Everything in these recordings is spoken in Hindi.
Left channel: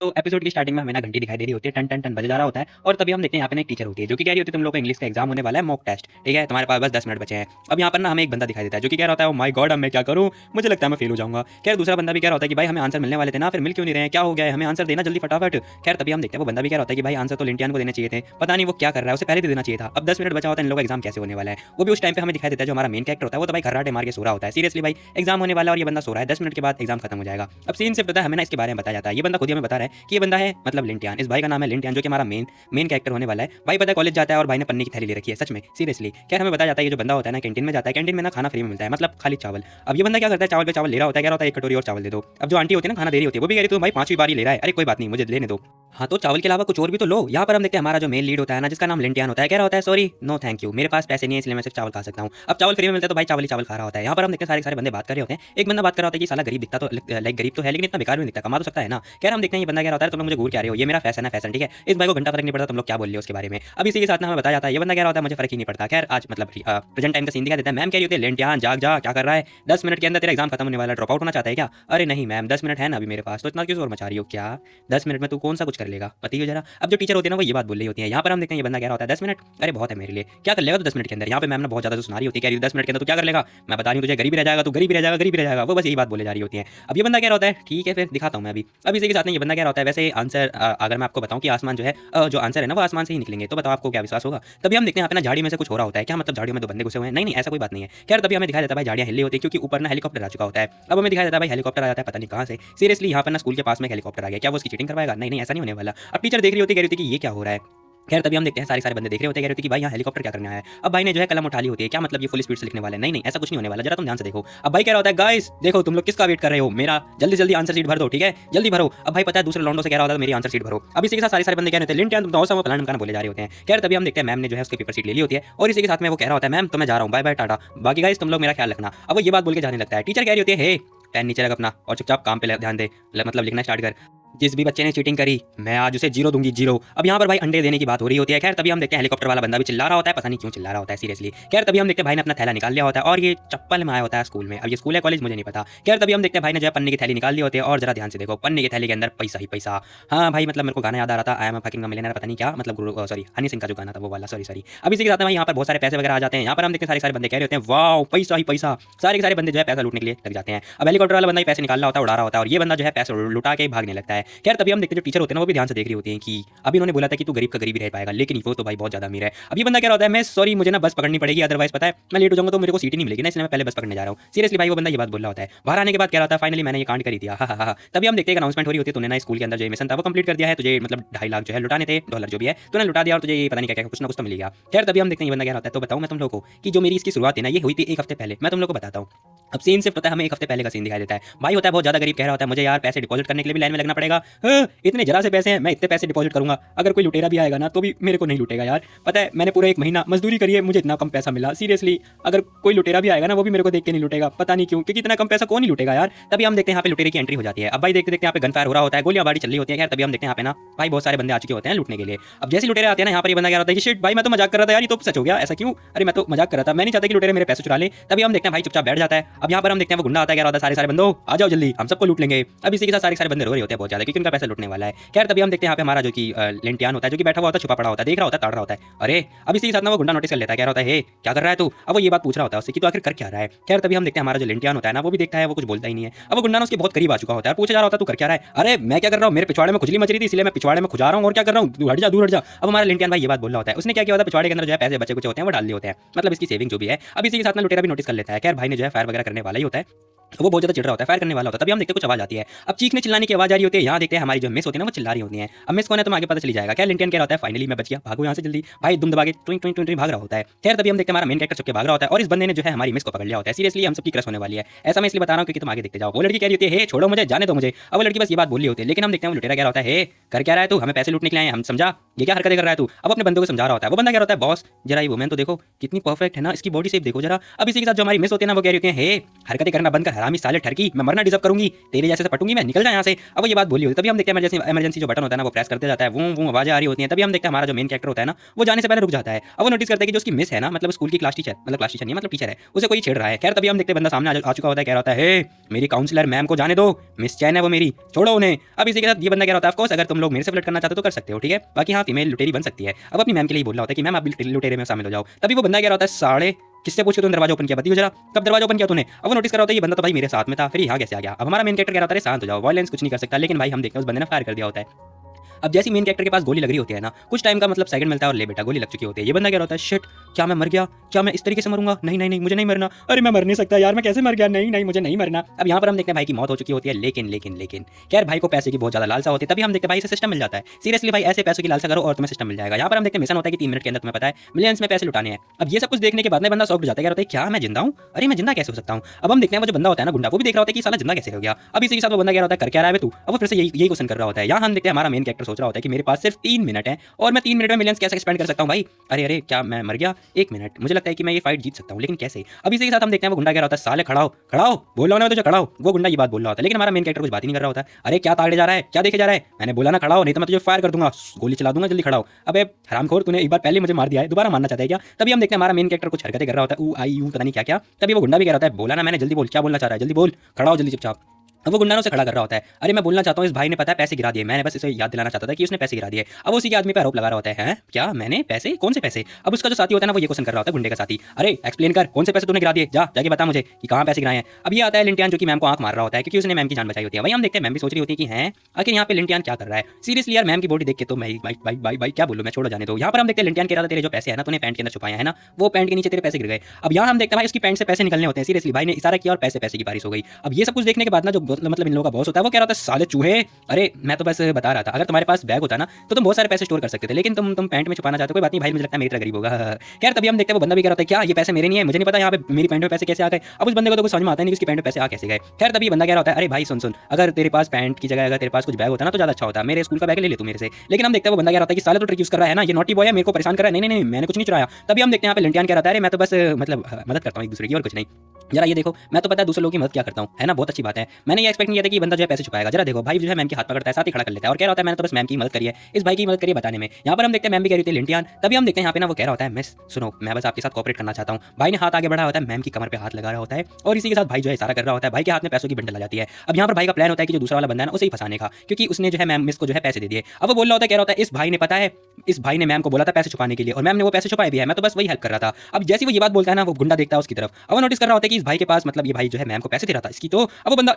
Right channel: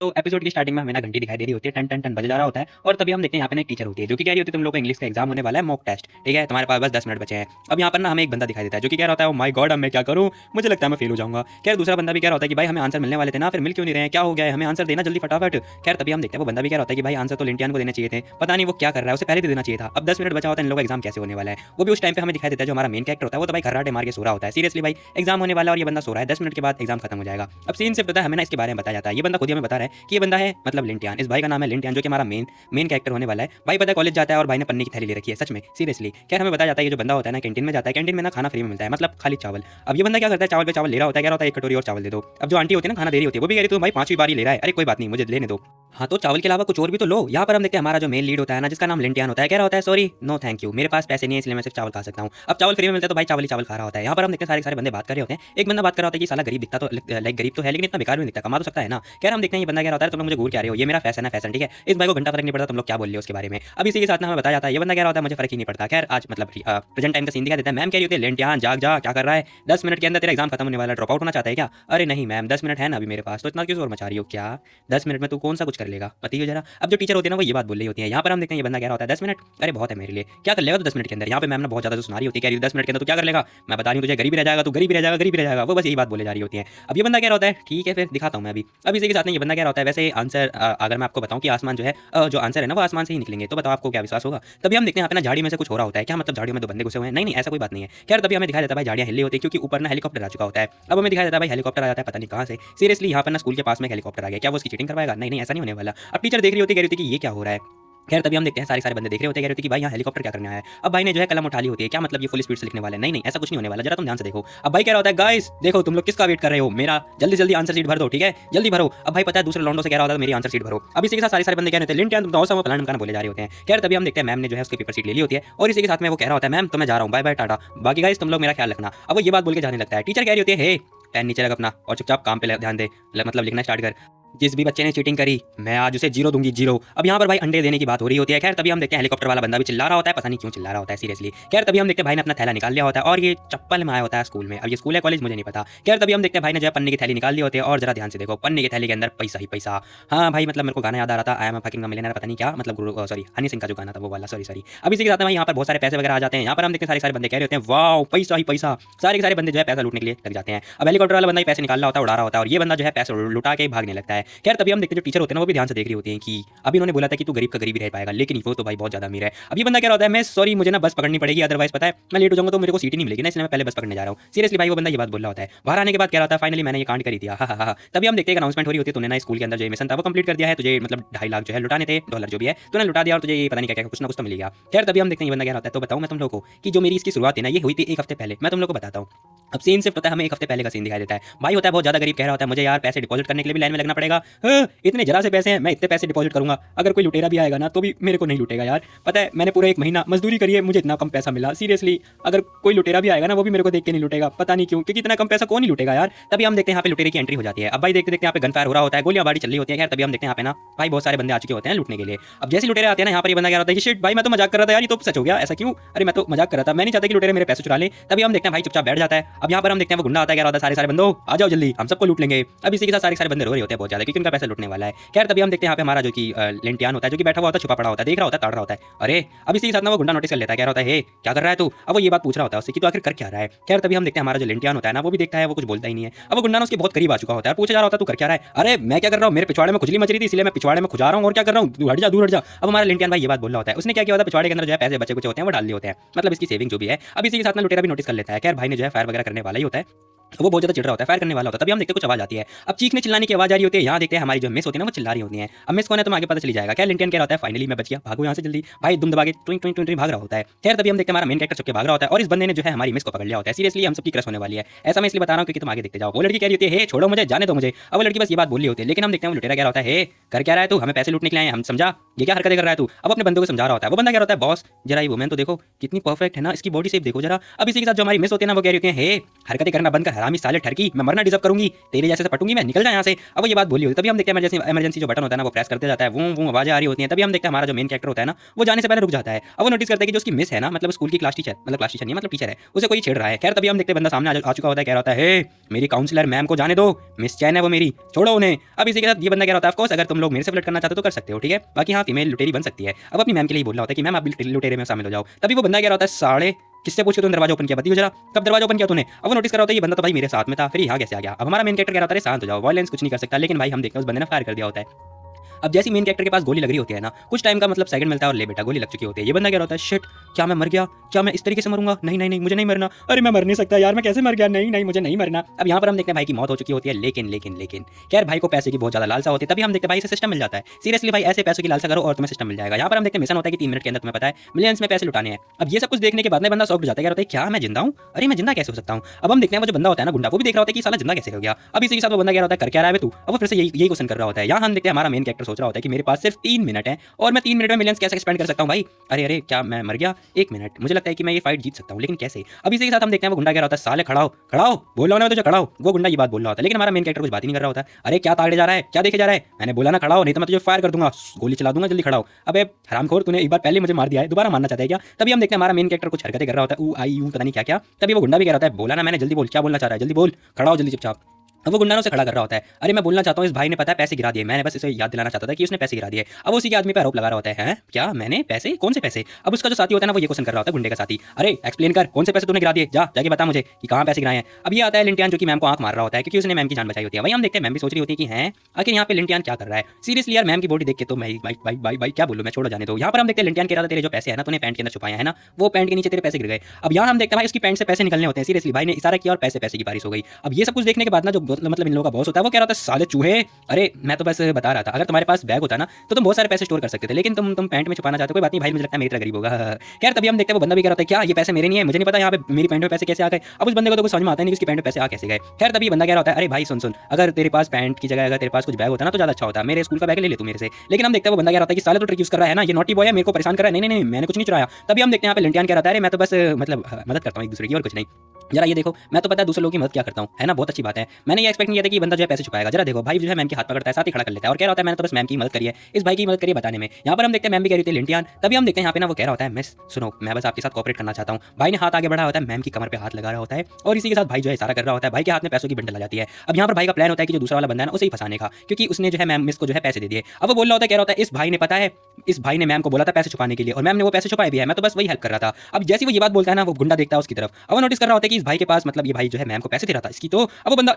तो एपिसोड की स्टार्टिंग में हमें ना घंटी दिखाई दे रही होती है, टन टन टन बज जा रहा होता है और तभी हम देखते हैं यहाँ पे ना एक टीचर होती है जो कि कह रही होती है तुम लोग का इंग्लिश का एग्जाम होने वाला है, मॉक टेस्ट। ठीक है, तुम्हारे पास बस 10 मिनट बचे हैं। अब यहाँ पर ना हमें एक बंदा दिखाई देता है जो कि कह रहा होता है, ओ माय गॉड अब मैं क्या करूँ, मुझे लगता है मैं फेल हो जाऊंगा। खैर दूसरा बंदा भी कह रहा होता है कि भाई हमें आंसर मिलने वाले थे ना, फिर मिल क्यों नहीं रहे हैं, क्या हो गया है, हमें आंसर देना जल्दी फटाफट। खैर तभी हम देखते हैं वो बंदा भी कह रहा होता है कि भाई आंसर तो लिंटियान को देना चाहिए थे, पता नहीं वो क्या कर रहा है, उसे पहले दे देना चाहिए था। अब 10 मिनट बचा होता है, इन लोगों का एग्जाम कैसे होने वाला है। वो भी उस टाइम पे हमें दिखाई देता है जो हमारा मेन कैरेक्टर होता है वो तो भाई कराटे मार के सो रहा होता है। सीरियसली भाई एग्जाम होने वाला है और ये बंदा सो रहा है, 10 मिनट के बाद एग्जाम खत्म हो जाएगा। अब सीन से पता हमें ना इसके बारे में बताया जाता है, ये बंदा खुद ही हमें बता रहा है कि ये बंदा है मतलब लिंटियान, इस भाई का नाम है लिंटियान जो कि हमारा मेन कैरेक्टर होने वाला है। भाई पता है कॉलेज जाता है और भाई ने पन्नी की थैली ले रखी है, सच में सीरियसली। क्या हमें बताया जाता है ये जो बंदा होता है ना कैंटीन में जाता है, कैंटीन में ना खाना फ्री में मिलता है, मतलब खाली चावल। अब ये बंदा क्या करता है, चावल पे चावल ले रहा होता है, कह रहा होता है एक कटोरी और चावल दे दो। अब जो आंटी होती है ना खाना दे रही होती है वो भी कह रही तो भाई 5वीं बारी ले रहा है, अरे कोई बात नहीं मुझे लेने दो। हाँ तो चावल के अलावा कुछ और भी तो लो। यहाँ पर हम देखते हैं हमारा जो मेन लीड होता है ना जिसका नाम लिंटियान होता है, कह रहा होता है सॉरी नो थैंक यू, मेरे पास पैसे नहीं है इसलिए मैं सिर्फ चावल खा सकता हूँ। अब चावल फ्री में मिलता है तो भाई चावल ही चावल खा रहा होता है। यहाँ पर हम देखते हैं सारे सारे बंदे बात कर रहे होते हैं। एक बंदा बात कर रहा होता है कि साला गरीब दिखता तो लाइक गरीब तो है लेकिन इतना बेकार भी नहीं दिखता, कमा तो सकता है ना। क्या हम देखते हैं ये बंदा कह रहा होता है तुम लोग मुझे घूर क्या रहे हो, ये मेरा फैशन है फैशन, ठीक है इस भाई को घंटा फर्क नहीं पड़ता तुम लोग क्या बोल रहे हो उसके बारे में। अब इसी के साथ ना हमें बताया जाता है ये बंदा कह रहा होता है मुझे फर्क ही नहीं पड़ता। खैर आज मतलब प्रेजेंट टाइम का सीन दिखा देता है। मैम कह रही होती है लिंटियान जाग जा, क्या कर रहा है, 10 मिनट के अंदर तेरा एग्जाम खत्म होने वाला है, ड्रॉप आउट होना चाहता है क्या। अरे नहीं मैम 10 मिनट है ना अभी मेरे पास, तो इतना क्यों शोर मचा रही हो, क्या 10 मिनट में तू कौन सा कुछ कर लेगा बताइए जरा। अब जो टीचर होती है ना वो ये बात बोल रही होती है। यहाँ पर हम देखते हैं ये बंदा कह रहा होता है 10 मिनट, अरे बहुत है मेरे लिए, क्या कर लेगा तो 10 मिनट के अंदर। यहाँ पे मैम ने बहुत ज्यादा जो सुना रही होती है, कह रही है 10 मिनट के अंदर तो क्या कर लेगा, मैं बता रही हूँ तुझे गरीबी रह जाएगा, तो गरीबी रह जाएगा गरीबी रह जाएगा, वो बस यही बात बोले जा रही होती है। अब ये बंदा कह रहा होता है ठीक है फिर दिखाता हूँ मैं अभी। अब इसी के साथ में ये बंदा कह रहा होता है वैसे आंसर अगर मैं आपको बताऊँ कि आसमान जो है जो आंसर है ना वो आसमान से ही निकलेंगे, तो बताओ आपको क्या विश्वास होगा। तभी हम देखते हैं यहाँ पे ना झाड़ी में से कुछ हो रहा होता है, क्या मतलब झाड़ियों में दो बंदे घुसे हुए हैं, नहीं नहीं ऐसा कोई बात नहीं है। खैर तभी हमें दिखाई देता है भाई झाड़ियाँ हिली होती है क्योंकि ऊपर ना हेलीकॉप्टर आ चुका होता है। अब हमें दिखाई देता है भाई हेलीकॉप्टर आ जाता है पता नहीं कहाँ से, सीरियसली यहाँ पर ना स्कूल के पास में हेलीकॉप्टर आ गया, क्या वो उसकी चीटिंग करवाएगा, नहीं नहीं ऐसा नहीं होने वाला। अब टीचर देख रही होती है, कह रही होती है कि ये क्या हो रहा है। खैर तभी हम देखते हैं सारे सारे बंदे देख रहे होते हैं, कह रहे होते हैं कि भाई यहाँ हेलीकॉप्टर क्या करने आया है। अब भाई ने जो है कलम उठा ली होती है, क्या मतलब ये फुल स्पीड से लिखने वाले हैं, नहीं नहीं ऐसा कुछ नहीं होने वाला, जरा तुम ध्यान से देखो। अब भाई कह रहा होता है गाइस देखो तुम लोग किसका वेट कर रहे हो, मेरा जल्दी जल्दी आंसर शीट भर दो, ठीक है जल्दी भरो। अब भाई पता है दूसरे लॉन्डो से कह रहा होता है मेरी आंसर शीट भरो। अब इसी के साथ सारे सारे बंदे कह रहे थे लिंटियान तुम तो प्लान करना बोले जा रहे होते हैं। खैर तभी हम देखते हैं मैम ने जो है उसके पेपर शीट ले ली होती है और इसी के साथ में वो कह रहा होता है मैम तो मैं जा रहा हूँ, बाय बाय टाटा, बाकी गाइस तुम लोग मेरा ख्याल रखना। अब वो ये बात बोल के जाने लगता है। टीचर कह रही होती है हे पेन नीचे रख अपना और चुपचाप काम पे ध्यान दे, मतलब लिखना स्टार्ट कर, जिस भी बच्चे ने चीटिंग करी मैं आज उसे जीरो दूंगी जीरो। अब यहाँ पर भाई अंडे देने की बात हो रही होती है। खैर तभी हम देखते हैं हेलीकॉप्टर वाला बंदा भी चिल्ला रहा होता है, पता नहीं क्यों चिल्ला रहा होता है सीरियसली। खैर तभी हम देखते हैं भाई ने अपना थैला निकाल लिया होता है और ये चप्पल में आया होता है स्कूल में। अब ये स्कूल है कॉलेज मुझे नहीं पता। खैर तभी हम देखते हैं भाई ने जो है पन्नी की थैली निकाल ली होती है और जरा ध्यान से देखो पन्नी की थैली के अंदर पैसा ही पैसा। हाँ भाई मतलब मेरे को गाना याद आ रहा था I am a fucking millionaire, पता नहीं क्या मतलब सॉरी हनी सिंह का जो गाना था वो वाला, सॉरी सॉरी। अब इसी के साथ में यहाँ पर बहुत सारे पैसे वगैरह आ जाते हैं। यहाँ पर हम देखते हैं सारे सारे बंदे कह रहे होते हैं वाओ पैसा ही पैसा, सारे के सारे बंदे जो है पैसा लूटने के लिए लग जाते हैं। अब हेलीकॉप्टर वाला बंदा ही पैसे निकाल रहा होता है, उड़ा रहा होता है और ये बंदा जो है पैसे लुटा के भागने लगता है। खैर तभी हम देखते हैं जो टीचर होते हैं ना वो भी ध्यान से देख रही होती है कि अभी इन्होंने बोला था कि तू गरीब का गरीब ही रह पाएगा, लेकिन वो तो भाई बहुत ज्यादा अमीर है। अब ये बंदा कह रहा होता है मैं सॉरी मुझे ना बस पकड़नी पड़ेगी अदरवाइज पता है मैं लेट हो जाऊंगा तो मेरे को सीट नहीं मिलेगी ना, इसलिए मैं पहले बस पकड़ने जा रहा हूँ। सीरियसली भाई वो बंदा ये बात बोल रहा होता है। बाहर आने के बाद कह रहा था फाइनली मैंने ये कांड कर दिया। तभी हम देखते हैं अनाउंसमेंट हो रही होती है, तूने ना स्कूल के अंदर जो मिशन था वो कंप्लीट कर दिया है, तुझे मतलब 2.5 लाख जो है लुटाने थे, डॉलर जो भी है तूने लुटा दिया और तुझे पता नहीं क्या क्या कुछ ना कुछ तो मिलेगा। खैर तभी हम देखते हैं ये बंदा कह रहा होता है तो बताऊं मैं तुम लोगों को कि जो मेरी इसकी शुरुआत है ना ये हुई थी 1 हफ्ते पहले, मैं तुम लोगों को बताता हूँ। अब सीन से पता है हमें 1 हफ्ते पहले का सीन दिखाई देता है। भाई होता है बहुत ज्यादा गरीब, कह रहा होता है मुझे यार पैसे डिपॉजिट करने के लिए भी लाइन में लगना पड़ेगा। हाँ इतने जरा से पैसे हैं मैं इतने पैसे डिपॉजिट करूंगा, अगर कोई लुटेरा भी आएगा ना तो भी मेरे को नहीं लुटेगा यार, पता है मैंने पूरे 1 महीना मजदूरी करी है मुझे इतना कम पैसा मिला। सीरियसली अगर कोई लुटेरा भी आएगा ना वो भी मेरे को देख के नहीं लुटेगा, पता नहीं क्यों क्योंकि इतना कम पैसा कौन ही लुटेगा यार। तभी हम देखते हैं यहाँ पे लुटेरे की एंट्री हो जाती है। अब भाई देखते देखते यहाँ पे गन फायर हो रहा होता है, गोलियां बारी चल रही होती है। खैर तभी हम देखते हैं यहाँ पे ना भाई बहुत सारे बंदे आ चुके होते हैं लूटने के लिए। अब जैसे लुटेरे आते हैं ना यहाँ पर ये बंदा क्या होता है कि शिट भाई मैं तो मजाक कर रहा था यार, ये तो सच हो गया, ऐसा क्यों, अरे मैं तो मजाक कर रहा था, मैं नहीं चाहता कि लुटेरे मेरे पैसे चुरा ले। तभी हम देखते हैं भाई चुपचाप बैठ जाता है। अब यहाँ पर हम देखते हैं वो गुंडा आता है, क्या होता है सारे सारे बंदो आ जाओ जल्दी हम सबको लूट लेंगे। अब इसी के साथ सारे सारे बंदे रो रहे होते हैं बहुत ज्यादा क्योंकि उनका पैसा लूटने वाला है। खैर तभी हम देखते हैं यहाँ पे हमारा जो कि लेंटियान होता है जो कि बैठा हुआ होता है, छुपा पड़ा होता है, देख रहा होता है, काट रहा होता है। अरे अब इसी के साथ ना वो गुंडा नोटिस कर लेता है, कह रहा होता है हे क्या कर रहा है तू। अब वो ये बात पूछ रहा होता है उससे कि तू आखिर कर क्या रहा है। खैर तभी हम देखते हैं हमारा जो लेंटियान होता है ना वो भी देखता है, वो कुछ बोलता ही नहीं है। अब वो गुंडा ना उसके बहुत करीब आ चुका होता है, पूछा जा रहा होता है तू कर क्या रहा है, अरे मैं क्या कर रहा हूँ, मेरे पिछवाड़े में खुजली मच रही थी इसलिए मैं पिछवाड़े में खुजा रहा हूँ और क्या कर रहा हूँ, तू हट जा दूर हट जा। अब हमारा लेंटियान भाई ये बात बोल रहा होता है, उसने क्या किया होता है पिछवाड़े के अंदर जो है पैसे बचे कुछ होते हैं वो डाल दिए होते हैं, मतलब इसकी सेविंग जो भी है। अब इसी के साथ में लुटेरा भी नोटिस कर लेता है। खैर भाई ने जो है फायर वगैरह करने वाला ही होता है, वो बहुत ज्यादा चिढ़ रहा होता है, फायर करने वाला होता है। तभी हम देखते हैं कुछ आवाज आती है, अब चीखने चिल्लाने की आवाज आ रही होती है। यहाँ देखते हैं हमारी जो मिस होती है ना वो चिल्ला रही होती है। अब मिस कौन है तो आगे पता चली जाएगा। क्या लिंटियन कह रहा होता है फाइनली मैं बच गया, भागो यहाँ से जल्दी, भाई दुम दबा के टुइंग टुइंग टुइंग भाग रहा होता है। खैर तभी हम देखते हैं हमारा मेन कैरेक्टर छुप के भाग रहा होता है और इस बंदे ने जो है हमारी मिस को पकड़ लिया होता है। सीरियसली हम सबकी क्रश होने वाली है, ऐसा मैं इसलिए बता रहा हूँ क्योंकि तुम आगे देखते जाओ। वो लड़की कह रही होती है हे छोड़ो मुझे जाने दो मुझे। अब वो लड़की बस ये बात बोल रही होती है, लेकिन हम देखते हैं वो लुटेरा कह रहा होता है हे कर क्या रहा है तू, हमें पैसे लूटने के लिए आए हम, समझा ये क्या हरकतें कर रहा है तू। अब अपने बंदों को समझा रहा होता है। वो बंदा कह रहा होता है बॉस जरा ये वुमेन तो देखो कितनी परफेक्ट है ना, इसकी बॉडी शेप देखो जरा। अब इसी के साथ जो हमारी मिस होती है ना वो कह रही होती है हे हरकतें करना बंद कर, हरामी साले टर्की, मैं मरना डिजर्व करूंगी, तेरे जैसे से पटूंगी मैं, निकल जा यहाँ से। अब ये बात बोली हुई, तभी हम देखते हैं जैसे इमरजेंसी जो बटन होता है ना वो प्रेस करते जाता है, वो आवाजें आ रही होती हैं, तभी हम देखते हैं हमारा जो मेन कैरेक्टर होता है ना वो जाने से पहले रुक जाता है। अब वो नोटिस करते हैं कि जो उसकी मिस है ना, मतलब स्कूल की क्लास टीचर, मतलब क्लास टीचर नहीं मतलब टीचर है, उसे कोई छेड़ रहा है। खैर तभी हम देखते हैं बंदा सामने आ चुका होता है, कह रहा होता है मेरी काउंसलर मैम को जाने दो, मिस चैन है वो मेरी, छोड़ो उन्हें। अब इसी के साथ ये बंदा कह रहा होता है, ऑफ कोर्स अगर तुम लोग मेरे से फ्लर्ट करना चाहते हो तो कर सकते हो, ठीक है, बाकी हाँ फीमेल लुटेरी बन सकती है। अब अपनी मैम के लिए बोल रहा होता है कि मैम अब लुटेरे में शामिल हो जाओ। तभी वो बंदा कह रहा होता है साढ़े किससे पूछे तुम दरवाजा ओपन किया, बताइए जरा कब दरवाजा ओपन किया तूने। अब वो नोटिस कर रहा होता है ये बंदा तो भाई मेरे साथ में था, फिर यहाँ कैसे आ गया। अब हमारा मेन कैरेक्टर कह रहा है शांत हो जाओ, वायलेंस कुछ नहीं कर सकता, लेकिन भाई हम देखते हैं उस बंदे ने फायर कर दिया होता है। अब जैसे मेन कैरेक्टर के पास गोली लग रही होती है ना, कुछ टाइम का मतलब सेकंड मिलता है और ले बेटा गोली लग चुकी होती है। ये बंदा क्या होता है, शिट क्या मैं मर गया, क्या मैं इस तरीके से मरूंगा, नहीं नहीं नहीं मुझे नहीं मरना, अरे मैं मर नहीं सकता यार, मैं कैसे मर गया, नहीं नहीं मुझे नहीं मरना। अब यहाँ पर हम देखते हैं भाई की मौत हो चुकी होती है, लेकिन यार भाई को पैसे की बहुत ज्यादा लालसा होती है। तभी हम देखते हैं भाई इसे सिस्टम मिल जाता है, सीरियसली भाई ऐसे पैसे की लालसा करो और तुम्हें सिस्टम मिल जाएगा। यहाँ पर हम देखते हैं मिशन होता है कि 3 मिनट के अंदर तुम्हें पता है मिलियंस में पैसे लुटाने हैं। अब ये सब कुछ देखने के बाद में बंदा शॉक हो जाता है, कहता है क्या मैं जिंदा हूँ, अरे मैं जिंदा कैसे हो सकता हूँ। अब हम देखते हैं वो जो बंदा होता है ना गुंडा, वो भी देख रहा होता है कि साला जिंदा कैसे हो गया। अब इसी के साथ वो बंदा कह रहा होता है कर क्या रहा है तू, अब फिर से यही क्वेश्चन कर रहा होता है। यहाँ हम देखते हैं हमारा मेन कैरेक्टर सोच रहा होता है कि मेरे पास सिर्फ 3 मिनट है और मैं 3 मिनट में मिलियंस कैसे स्पेंड कर सकता हूँ भाई, अरे क्या मैं मर गया, 1 मिनट, मुझे लगता है कि मैं ये फाइट जीत सकता हूँ, लेकिन कैसे। अब इसी के साथ हम देखते हैं वो गुंडा कह रहा होता है साले खड़ा हो बोलो ना तुझे खड़ा हो, वो गुंडा ये बात बोल रहा होता है, लेकिन हमारा मेन कैरेक्टर कुछ बात ही नहीं कर रहा होता। अरे क्या ताड़े जा रहा है, क्या देखे जा रहा है, मैंने बोला ना खड़ा हो, नहीं तो मैं तुझे फायर कर दूंगा, गोली चला दूंगा, जल्दी खड़ा हो। अबे हरामखोर तूने एक बार पहले मुझे मार दिया है, दोबारा मारना चाहता है क्या। तभी हम देखते हैं हमारा मेन कैरेक्टर कुछ हरकतें कर रहा होता है, ऊ आई यू पता नहीं क्या क्या। तभी वो गुंडा भी कह रहा होता है बोला ना मैंने, जल्दी बोल क्या बोलना चाह रहा है, जल्दी बोल, खड़ा हो जल्दी चुपचाप। अब वो गुंडा से खड़ा कर रहा होता है, अरे मैं बोलना चाहता हूँ इस भाई ने पता है पैसे गिरा दिए, मैंने बस इसे याद दिलाना चाहता था कि उसने पैसे गिरा दिए। अब उसी के आदमी पे आरोप लगा रहा होता है क्या मैंने पैसे, कौन से पैसे। अब उसका जो साथी होता है ना वो ये क्वेश्चन कर रहा होता है गुंडे का साथी, अरे एक्सप्लेन कर कौन से पैसे तूने गिरा दिए, जाके बता मुझे कि कहाँ पैसे गिराए हैं। अब ये आता है लिंटियान जो कि मैम को आंख मार रहा होता है क्योंकि उसने मैम की जान बचाई होती है। वही हम देखते हैं मैम भी सोच रही होती है कि है आखिर यहाँ पे लिंटियान क्या कर रहा है। सीरियसली यार मैम की बॉडी देख के तो मैं भाई क्या बोलूं, मैं छोड़ो जाने दो। यहाँ पर हम देखते हैं लिंटियान कह रहा था तेरे जो पैसे है ना तूने पैंट के अंदर छुपाया है ना, वो पैंट के नीचे तेरे पैसे गिर गए। अब यहाँ हम देखते हैं इसकी पैंट से पैसे निकलने होते हैं, सीरियसली भाई ने इशारा किया और पैसे की बारिश हो गई। अब ये सब कुछ देखने के बाद ना जो मतलब इन लोगों का बॉस होता है वो कह रहा था साले चूहे, अरे मैं तो बस बता रहा था अगर तुम्हारे पास बैग होता ना तो तुम बहुत सारे पैसे स्टोर कर सकते थे, लेकिन तुम पैंट में छुपाना चाहते हो, कोई बात नहीं भाई मुझे लगता है मेरी तरह गरीब होगा। खैर तभी हम देखते हैं वो बंदा भी कह रहा था क्या ये पैसे मेरे नहीं है, मुझे नहीं पता यहाँ पे मेरी पैंट में पैसे कैसे आ गए। अब उस बंदे को तो कुछ समझ में आता नहीं उसकी पैंट में पैसे आ कैसे गए। खैर तभी बंदा कह रहा होता है अरे भाई सुन अगर तेरे पास पैंट की जगह अगर तेरे पास कुछ बैग होता ना तो ज्यादा अच्छा होता, मेरे स्कूल का बैग ले तू मेरे से। लेकिन हम देखते हैं वो बंदा कह रहा है कि साले तो ट्रिक यूज कर रहा है ना, ये नॉटी बॉय है, मेरे को परेशान कर रहा है, नहीं मैंने कुछ नहीं चुराया। तभी हम देखते हैं यहाँ पे लिंटियान कह रहा है अरे मैं तो बस मतलब मदद करता हूँ एक दूसरे की और कुछ नहीं। जरा ये देखो मैं तो पता है दूसरे लोगों की मदद क्या करता हूँ, है ना, बहुत अच्छी बात है। मैंने ये एक्सपेक्ट नहीं किया था कि बंदा जो है पैसे छुपाएगा। जरा देखो भाई जो है मैम के हाथ पकड़ता है साथ ही खड़ा कर लेता है और कह रहा होता है मैंने तो बस मैम की मदद करी है, इस भाई की मदद करिए बताने में। यहाँ पर हम देखते हैं मैम भी कह रही थी लिंटियान। तभी हम देखते हैं यहाँ पे ना वो कह रहा होता है मैं सुनो मैं बस आपके साथ कोऑपरेट करना चाहता हूँ। भाई ने हाथ आगे बढ़ाया होता है, मैम की कमर पे हाथ लगा रहा होता है और इसी के साथ भाई जो है सारा कर रहा होता है। भाई के हाथ में पैसों की बंडल आ जाती है। अब यहाँ पर भाई का प्लान होता है कि जो दूसरा वाला बंदा है ना उसे ही फंसाने का, क्योंकि उसने जो है मैम मिस को जो है पैसे दे दिए। अब वो बोल रहा होता है, कह रहा होता है इस भाई ने पता है इस भाई ने मैम को बोला था पैसे छुपाने के लिए और मैम ने वो पैसे छुपाए भी है, मैं तो बस वही हेल्प कर रहा था। अब जैसे वो ये बात बोलता है ना वो गुंडा देखता है उसकी तरफ, अब वो नोटिस कर रहा होता है कि इस भाई के पास मतलब ये भाई जो है मैम को पैसे दे रहा था इसकी, तो अब वो बंदा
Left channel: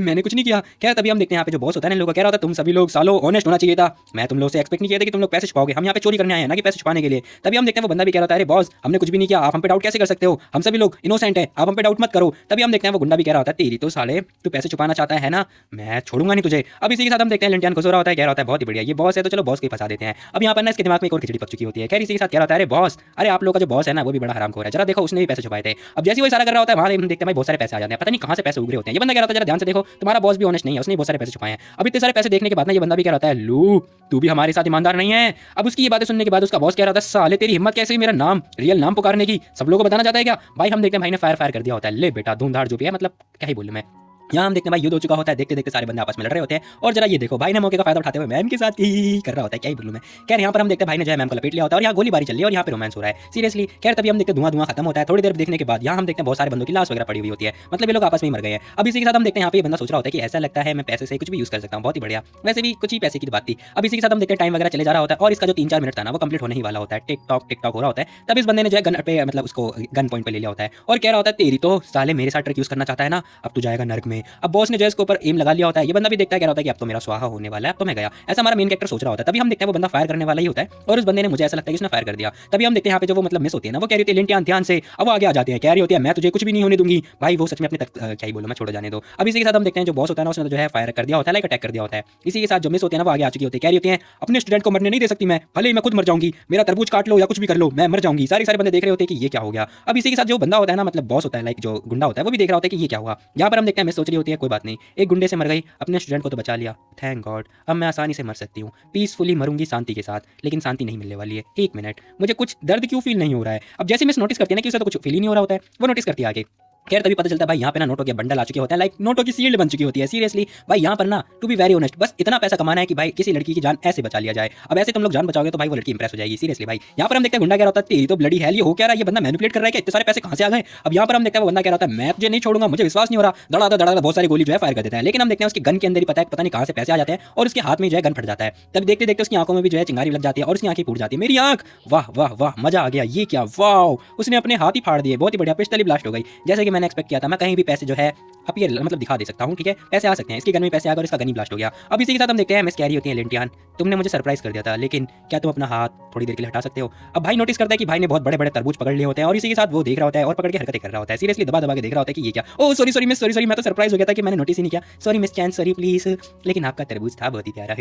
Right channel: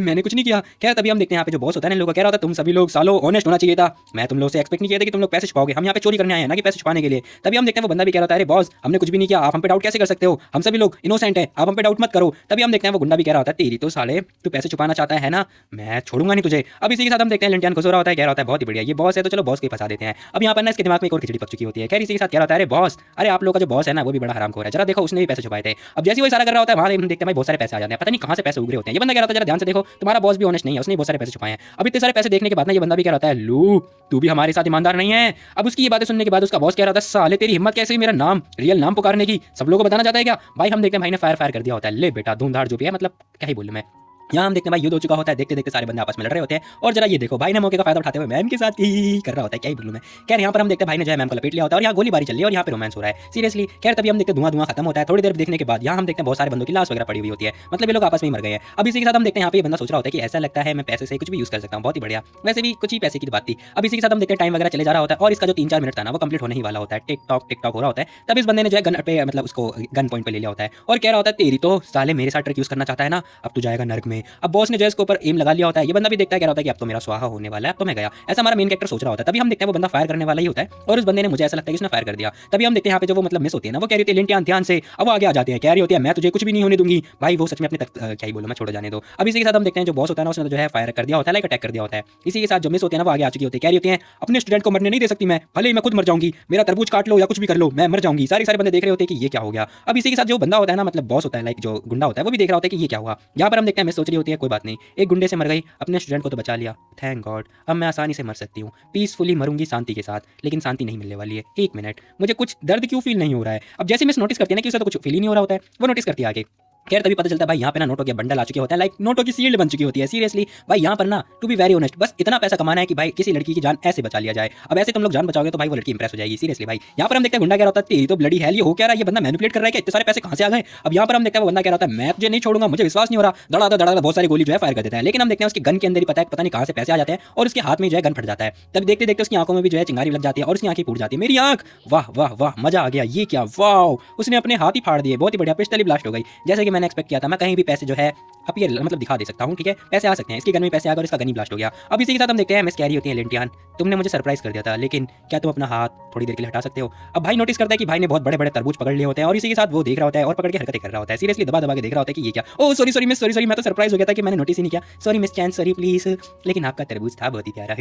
मैंने कुछ नहीं किया। क्या तभी हम देखते हैं यहाँ पे जो बॉस होता है ना लोगों कह रहा होता है तुम सभी लोग सालो ऑनेस्ट होना चाहिए था, मैं तुम लोग से एक्सपेक्ट नहीं किया था कि तुम लोग पैसे छुपाओगे, हम यहाँ पे चोरी करने आए हैं ना कि पैसे छुपाने के लिए। तभी हम देखते हैं वो बंदा भी कह रहा था अरे बॉस हमने कुछ भी नहीं किया, आप हम पे डाउट कैसे कर सकते हो, हम सभी लोग इनोसेंट है, आप हम पे डाउट मत करो। तभी हम देखते हैं वो गुंडा भी कह रहा होता है तेरी तो साले तू पैसे छुपाना चाहता है ना, मैं छोड़ूंगा नहीं तुझे। अब इसी के साथ हम देखते हैं लिंटियान खुश हो रहा होता है, कह रहा होता है बहुत ही बढ़िया ये बॉस है तो चलो बॉस के फंसा देते हैं। अब यहाँ पर ना इसके दिमाग में एक और खिचड़ी पक चुकी होती है। खैर इसी के साथ कह रहा है अरे बॉस अरे आप लोग का जो बॉस है ना वो भी बड़ा हरामखोर है, जरा देखो उसने भी पैसे छुपाए थे। अब जैसे वो इशारा कर रहा होता है वहां हम देखते हैं भाई बहुत सारे पैसे आ जाते हैं, पता नहीं कहां से पैसे उगरे होते हैं। ये बंदा कह रहा था जरा ध्यान से देखो तुम्हारा बॉस भी ऑनेस्ट नहीं है, उसने बहुत सारे पैसे छुपाए हैं। अब इतने सारे पैसे देखने के बाद ना ये बंदा भी कह रहा है लू तू भी हमारे साथ ईमानदार नहीं है। अब उसकी ये बातें सुनने के बाद उसका बॉस कह रहा था साले तेरी हिम्मत कैसे मेरा नाम रियल नाम पुकारने की, सब लोगों को बताना चाहता है क्या। भाई हम देखते हैं भाई ने फायर कर दिया होता है, ले बेटा धूमधार जो भी है मतलब क्या ही बोलूं मैं। यहाँ हम देखते हैं भाई युद्ध हो चुका होता है, देखते देखते सारे बंदे आपस में लड़ रहे होते हैं और जरा ये देखो भाई ने मौके का फायदा उठाते हुए मैम के साथ ही कर रहा होता है, क्या ही बोलूं मैं। खैर यहाँ पर हम देखते हैं भाई ने जो है मैम को लपेट लिया होता है और यहाँ गोलीबारी चल रही है और यहाँ पे रोमांस हो रहा है सीरियसली। खैर तभी हम देखते हैं धुआं खत्म होता है थोड़ी देर देखने के बाद। यहाँ हम देखते हैं बहुत सारे बंदों की लाश वगैरह पड़ी हुई होती है, मतलब ये लोग आपस में मर गए हैं। अब इसी के साथ हम देखते हैं यहाँ पे बंदा सोच रहा होता है कि ऐसा लगता है मैं पैसे से कुछ भी यूज कर सकता हूँ, बहुत ही बढ़िया, वैसे भी कुछ ही पैसे की बात थी। अब इसी के साथ हम देखते हैं टाइम वगैरह चले जा रहा होता है और इसका जो 3-4 मिनट था ना वो कंप्लीट होने ही वाला होता है, टिक टॉक हो रहा होता है। तब इस बंदे ने जो है गन पे मतलब उसको गन पॉइंट पे ले लिया होता है और कह रहा होता है तेरी तो साले मेरे साथ ट्रिक यूज करना चाहता है ना, अब तू जाएगा नर्क में। अब बॉस ने जो इसके ऊपर एम लगा लिया होता है, ये बंदा भी देखता है, कह रहा होता है कि अब तो मेरा स्वाहा होने वाला है, अब तो मैं गया, ऐसा हमारा मेन कैरेक्टर सोच रहा होता है। तभी हम देखते हैं वो बंदा फायर करने वाला ही होता है और इस बंदे ने मुझे ऐसा लगता है कि इसने फायर कर दिया। तभी हम देखते हैं यहाँ पे जो वो मतलब मिस होती है ना वो कह रही थी लिंटियान ध्यान से, अब वो आगे आ जाती है, कह रही होती है मैं तुझे कुछ भी नहीं होने दूंगी। भाई वो सच में अपनी क्या ही बोला मैं छोड़ जाने दो। अब इसी के साथ हम देखते हैं जो बॉस होता है ना उसने जो है फायर कर दिया होता है, लाइक अटैक कर दिया होता है। इसी के साथ जो मिस होती है ना वो आगे आ चुकी होती है, कह रही होती है अपने स्टूडेंट को मरने नहीं दे सकती मैं, भले ही मैं खुद मर जाऊंगी, मेरा तरबूज काट लो या कुछ भी कर लो मैं मर जाऊंगी। सारे बंदे देख रहे होते हैं कि ये क्या हो गया। अब इसी के साथ जो बंदा होता है ना मतलब बॉस होता है लाइक जो गुंडा होता है वो भी देख रहा होता है कि ये क्या हुआ। यहाँ पर हम देखते हैं मिस सोच रही होती है कोई बात नहीं, एक गुंडे से मर गई, अपने स्टूडेंट को तो बचा लिया, थैंक गॉड, अब मैं आसानी से मर सकती हूँ, पीसफुली मरूंगी शांति के साथ। लेकिन शांति नहीं मिलने वाली है, 1 मिनट, मुझे कुछ दर्द क्यों फील नहीं हो रहा है। अब जैसे मिस नोटिस करती है ना कि उसका तो कुछ फील ही नहीं हो रहा होता है, वो नोटिस करती है आगे खैर तभी पता चलता है भाई यहाँ पे ना नोटों के बंडल आ चुके होते हैं, लाइक नोटों की सील्ड बन चुकी होती है। सीरियसली भाई यहाँ पर ना टू बी वेरी ऑनेस्ट बस इतना पैसा कमाना है कि भाई किसी लड़की की जान ऐसे बचा लिया जाए। अब ऐसे तुम लोग जान बचाओगे तो भाई वो लड़की इंप्रेस हो जाएगी। सीरियसली भाई यहाँ पर हम देखते हैं गुंडा कह रहा होता है तेरी तो ब्लडी है, ये हो क्या रहा है, ये बंदा मैनिपुलेट कर रहा है कि इतने सारे पैसे कहाँ से आ गए। अब यहाँ पर हम देखते हैं वो बंदा कह रहा था मैं तुझे नहीं छोड़ूंगा, मुझे विश्वास नहीं हो रहा, दड़ा बहुत सारे गोली जो है फायर कर देता है। लेकिन हम देखते हैं उसकी गन के अंदर ही पता नहीं कहाँ से पैसे आ जाते हैं और उसके हाथ में जो है गन फट जाता है। तब देखते देखते उसकी आंखों में भी जो है चिंगारी लग जाती है और उसकी आंखें फूट जाती है। मेरी आंख, वाह वाह वाह मजा आ गया, ये क्या वाह, उसने अपने हाथ ही फाड़ दिए, बहुत ही बढ़िया, पिस्टल ही ब्लास्ट हो गई जैसे कि मैंने एक्सपेक्ट किया था। मैं कहीं भी पैसे जो है अपीयर मतलब दिखा दे सकता हूँ, ठीक है पैसे आ सकते हैं, इसकी गन में पैसे आ गए, इसका गन ही ब्लास्ट हो गया। अब इसी के साथ हम देखते हैं मिस कैरी होती है लिंटियान, तुमने मुझे सरप्राइज कर दिया था लेकिन क्या तुम अपना हाथ थोड़ी देर के लिए हटा सकते हो। अब भाई नोटिस करता है कि भाई ने बहुत बड़े बड़े तरबूज पकड़ लिए होते हैं और इसी के साथ वो देख रहा होता है और पकड़ के हरकतें कर रहा होता है। सीरियसली दबा दबा के देख रहा होता है कि ये क्या, ओ सॉरी सॉरी मिस, सॉरी मैं तो सरप्राइज हो गया था कि मैंने नोटिस ही नहीं किया, sorry miss chain, sorry please. लेकिन आपका तरबूज था बहुत ही प्यारा,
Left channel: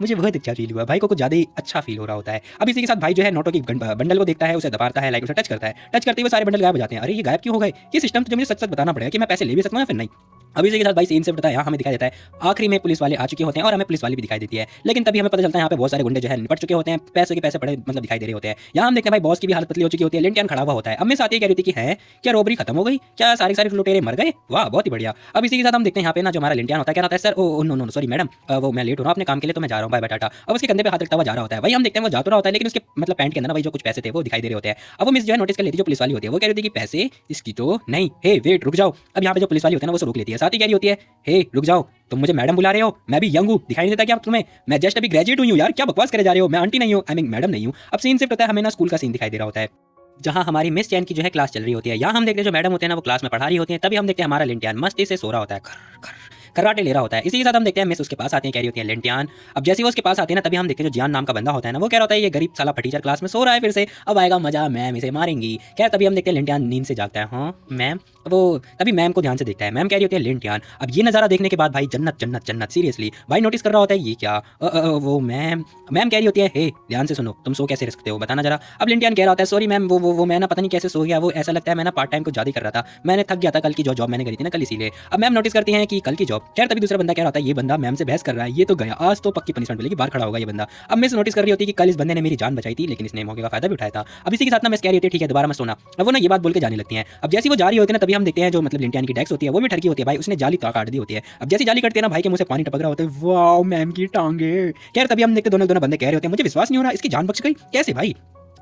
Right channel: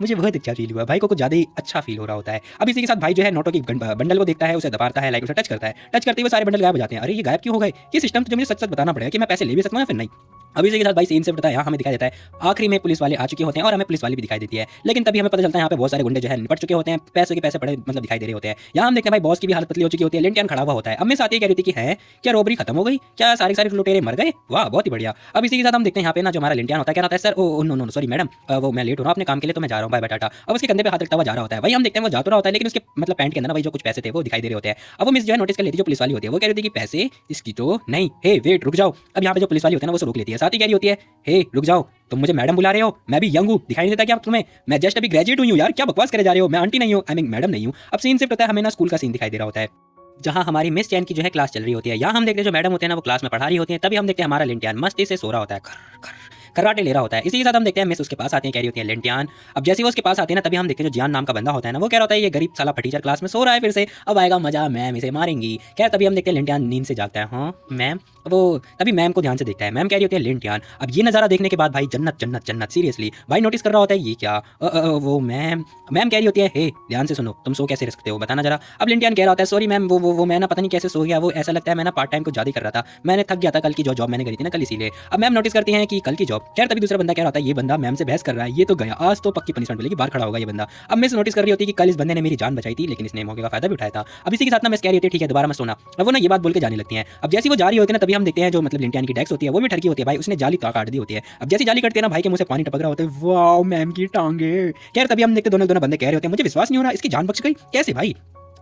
मुझे बहुत अच्छा फील हुआ, भाई को कुछ ज्यादा ही अच्छा फील हो रहा होता है। अब इसी के साथ भाई जो है नोटों की बंडल को देखता है, उसे दबाता है, लाइक उसे टच करता है, टच करते हुए सारे बंडल गायब हो जाते हैं। अरे ये गायब क्यों हो गए, ये सिस्टम तो मुझे सच सच बताना पड़ेगा कि मैं पैसे ले भी सकता हूँ या फिर नहीं। अब इसी के साथ भाई सीन से बताया यहाँ हमें दिखाई देता है आखिरी में पुलिस वाले आ चुके होते हैं और हमें पुलिस वाली भी दिखाई देती है। लेकिन तभी हमें पता चलता है यहाँ पे बहुत सारे गुंडे जो है निपट चुके होते हैं, पैसे के पैसे पड़े मतलब दिखाई दे रहे होते हैं। यहाँ हम देखते हैं भाई बॉस की भी हालत पतली हो चुकी होती है, लिंटियन खड़ा हुआ होता है। अब मैं साथ ही कह रही थी कि है क्या रोबरी खत्म हो गई, क्या सारी सारी लुटेरे मर गए, वाह बहुत ही बढ़िया। अब इसी के साथ हम देखते हैं यहाँ पे ना जो हमारा लिंटियन होता है क्या होता है, sir oh no no sorry madam, वो मैं लेट हो रहा हूँ अपने काम के लिए तो मैं जा रहा हूँ, बाय बाय टाटा। अब उसके कंधे पे हाथ उठता हुआ जा रहा होता है। भाई हम देखते हैं वो जा तो रहा होता है लेकिन उसके मतलब पैंट के अंदर ना भाई जो कुछ पैसे थे वो दिखाई दे रहे होते हैं। अब वो मिस जो है नोटिस कर लेती है, जो पुलिस वाली होती है वो कह रही थी कि पैसे इसकी तो नहीं, हे वेट रुक जाओ। अब यहाँ पे जो पुलिस वाली होती है ना वो रोक लेती है, साथ ही कह रही होती है हे रुक जाओ, तुम मुझे मैडम बुला रहे हो, मैं भी यंग हूँ, दिखाई नहीं देता क्या तुम्हें, मैं जस्ट अभी ग्रेजुएट हुई हूँ यार, क्या बकवास करे जा रहे हो, मैं आंटी नहीं हूँ, आई मीन मैडम नहीं हूँ। अब सीन से पता है हमें ना स्कूल का सीन दिखाई दे रहा होता है जहाँ हमारी मिस चैन की जो है क्लास चल रही होती है। यहाँ हम देखते हैं जो मैडम होते हैं ना वो क्लास में पढ़ा रही होते हैं। तभी हम देखते हैं हमारा लिंटियान मस्ती से सो रहा होता है, खर्राटे ले रहा होता है। इसी के साथ हम देखते हैं मिस उसके पास आते हैं, कह रही होती है लिंटियान। अब जैसे वो उसके पास आती है ना तभी हम देखते हैं जो जियान नाम का बंदा होता है ना वो कह रहा होता है ये गरीब साला टीचर क्लास में सो रहा है फिर से, अब आएगा मजा, मैम इसे मारेंगी। क्या तभी हम देखते हैं लिंटियान नींद से जागता है, हाँ मैम। वो तभी मैम को ध्यान से देखता है, मैम कह रही होती है लिंटियान। अब ये नजारा देखने के बाद भाई जन्नत जन्नत जन्नत, सीरियसली भाई नोटिस कर रहा होता है ये क्या, वो मैम कह रही होती है हे ध्यान से सुनो, तुम सो कैसे रह सकते हो बताना जरा। अब लिंटियान कह रहा होता है सॉरी मैम, वो मैं ना पता नहीं कैसे सो गया, वो ऐसा लगता है मैं ना पार्ट टाइम कुछ ज्यादा कर रहा था, मैंने थक गया था कल की जो जॉब मैंने करी थी ना कल इसीलिए। अब मैम नोटिस करती है कि कल की जॉब। खैर तभी दूसरा बंदा कह रहा होता है ये बंदा मैम से बहस कर रहा है, ये तो गया, आज तो पक्की पनिशमेंट मिलेगी, बाहर खड़ा होगा ये बंदा। अब मैं नोटिस कर रही होती है कि कल इस बंदे ने मेरी जान बचाई थी लेकिन इसने मौके का फायदा भी उठाया था। अब इसी के साथ ना मैं कह रही होती है ठीक है दोबारा मैं सोना। अब वो ना ये बात बोल के जाने लगती है। अब जैसी वो जा रही होती है ना तभी हम देखते हैं जो मतलब लिंटियान की डेस्क होती है वो भी ठरकी होती है, भाई उसने जाली काट दी होती है। अब जैसी जाली कटती है ना भाई के मुंह से पानी टपक रहा होता है, वाओ मैम की टांगे। खैर तभी हम देखते दोनों बंदे कह रहे होते हैं मुझे विश्वास नहीं हो रहा इसकी जान बच गई, कैसे भाई।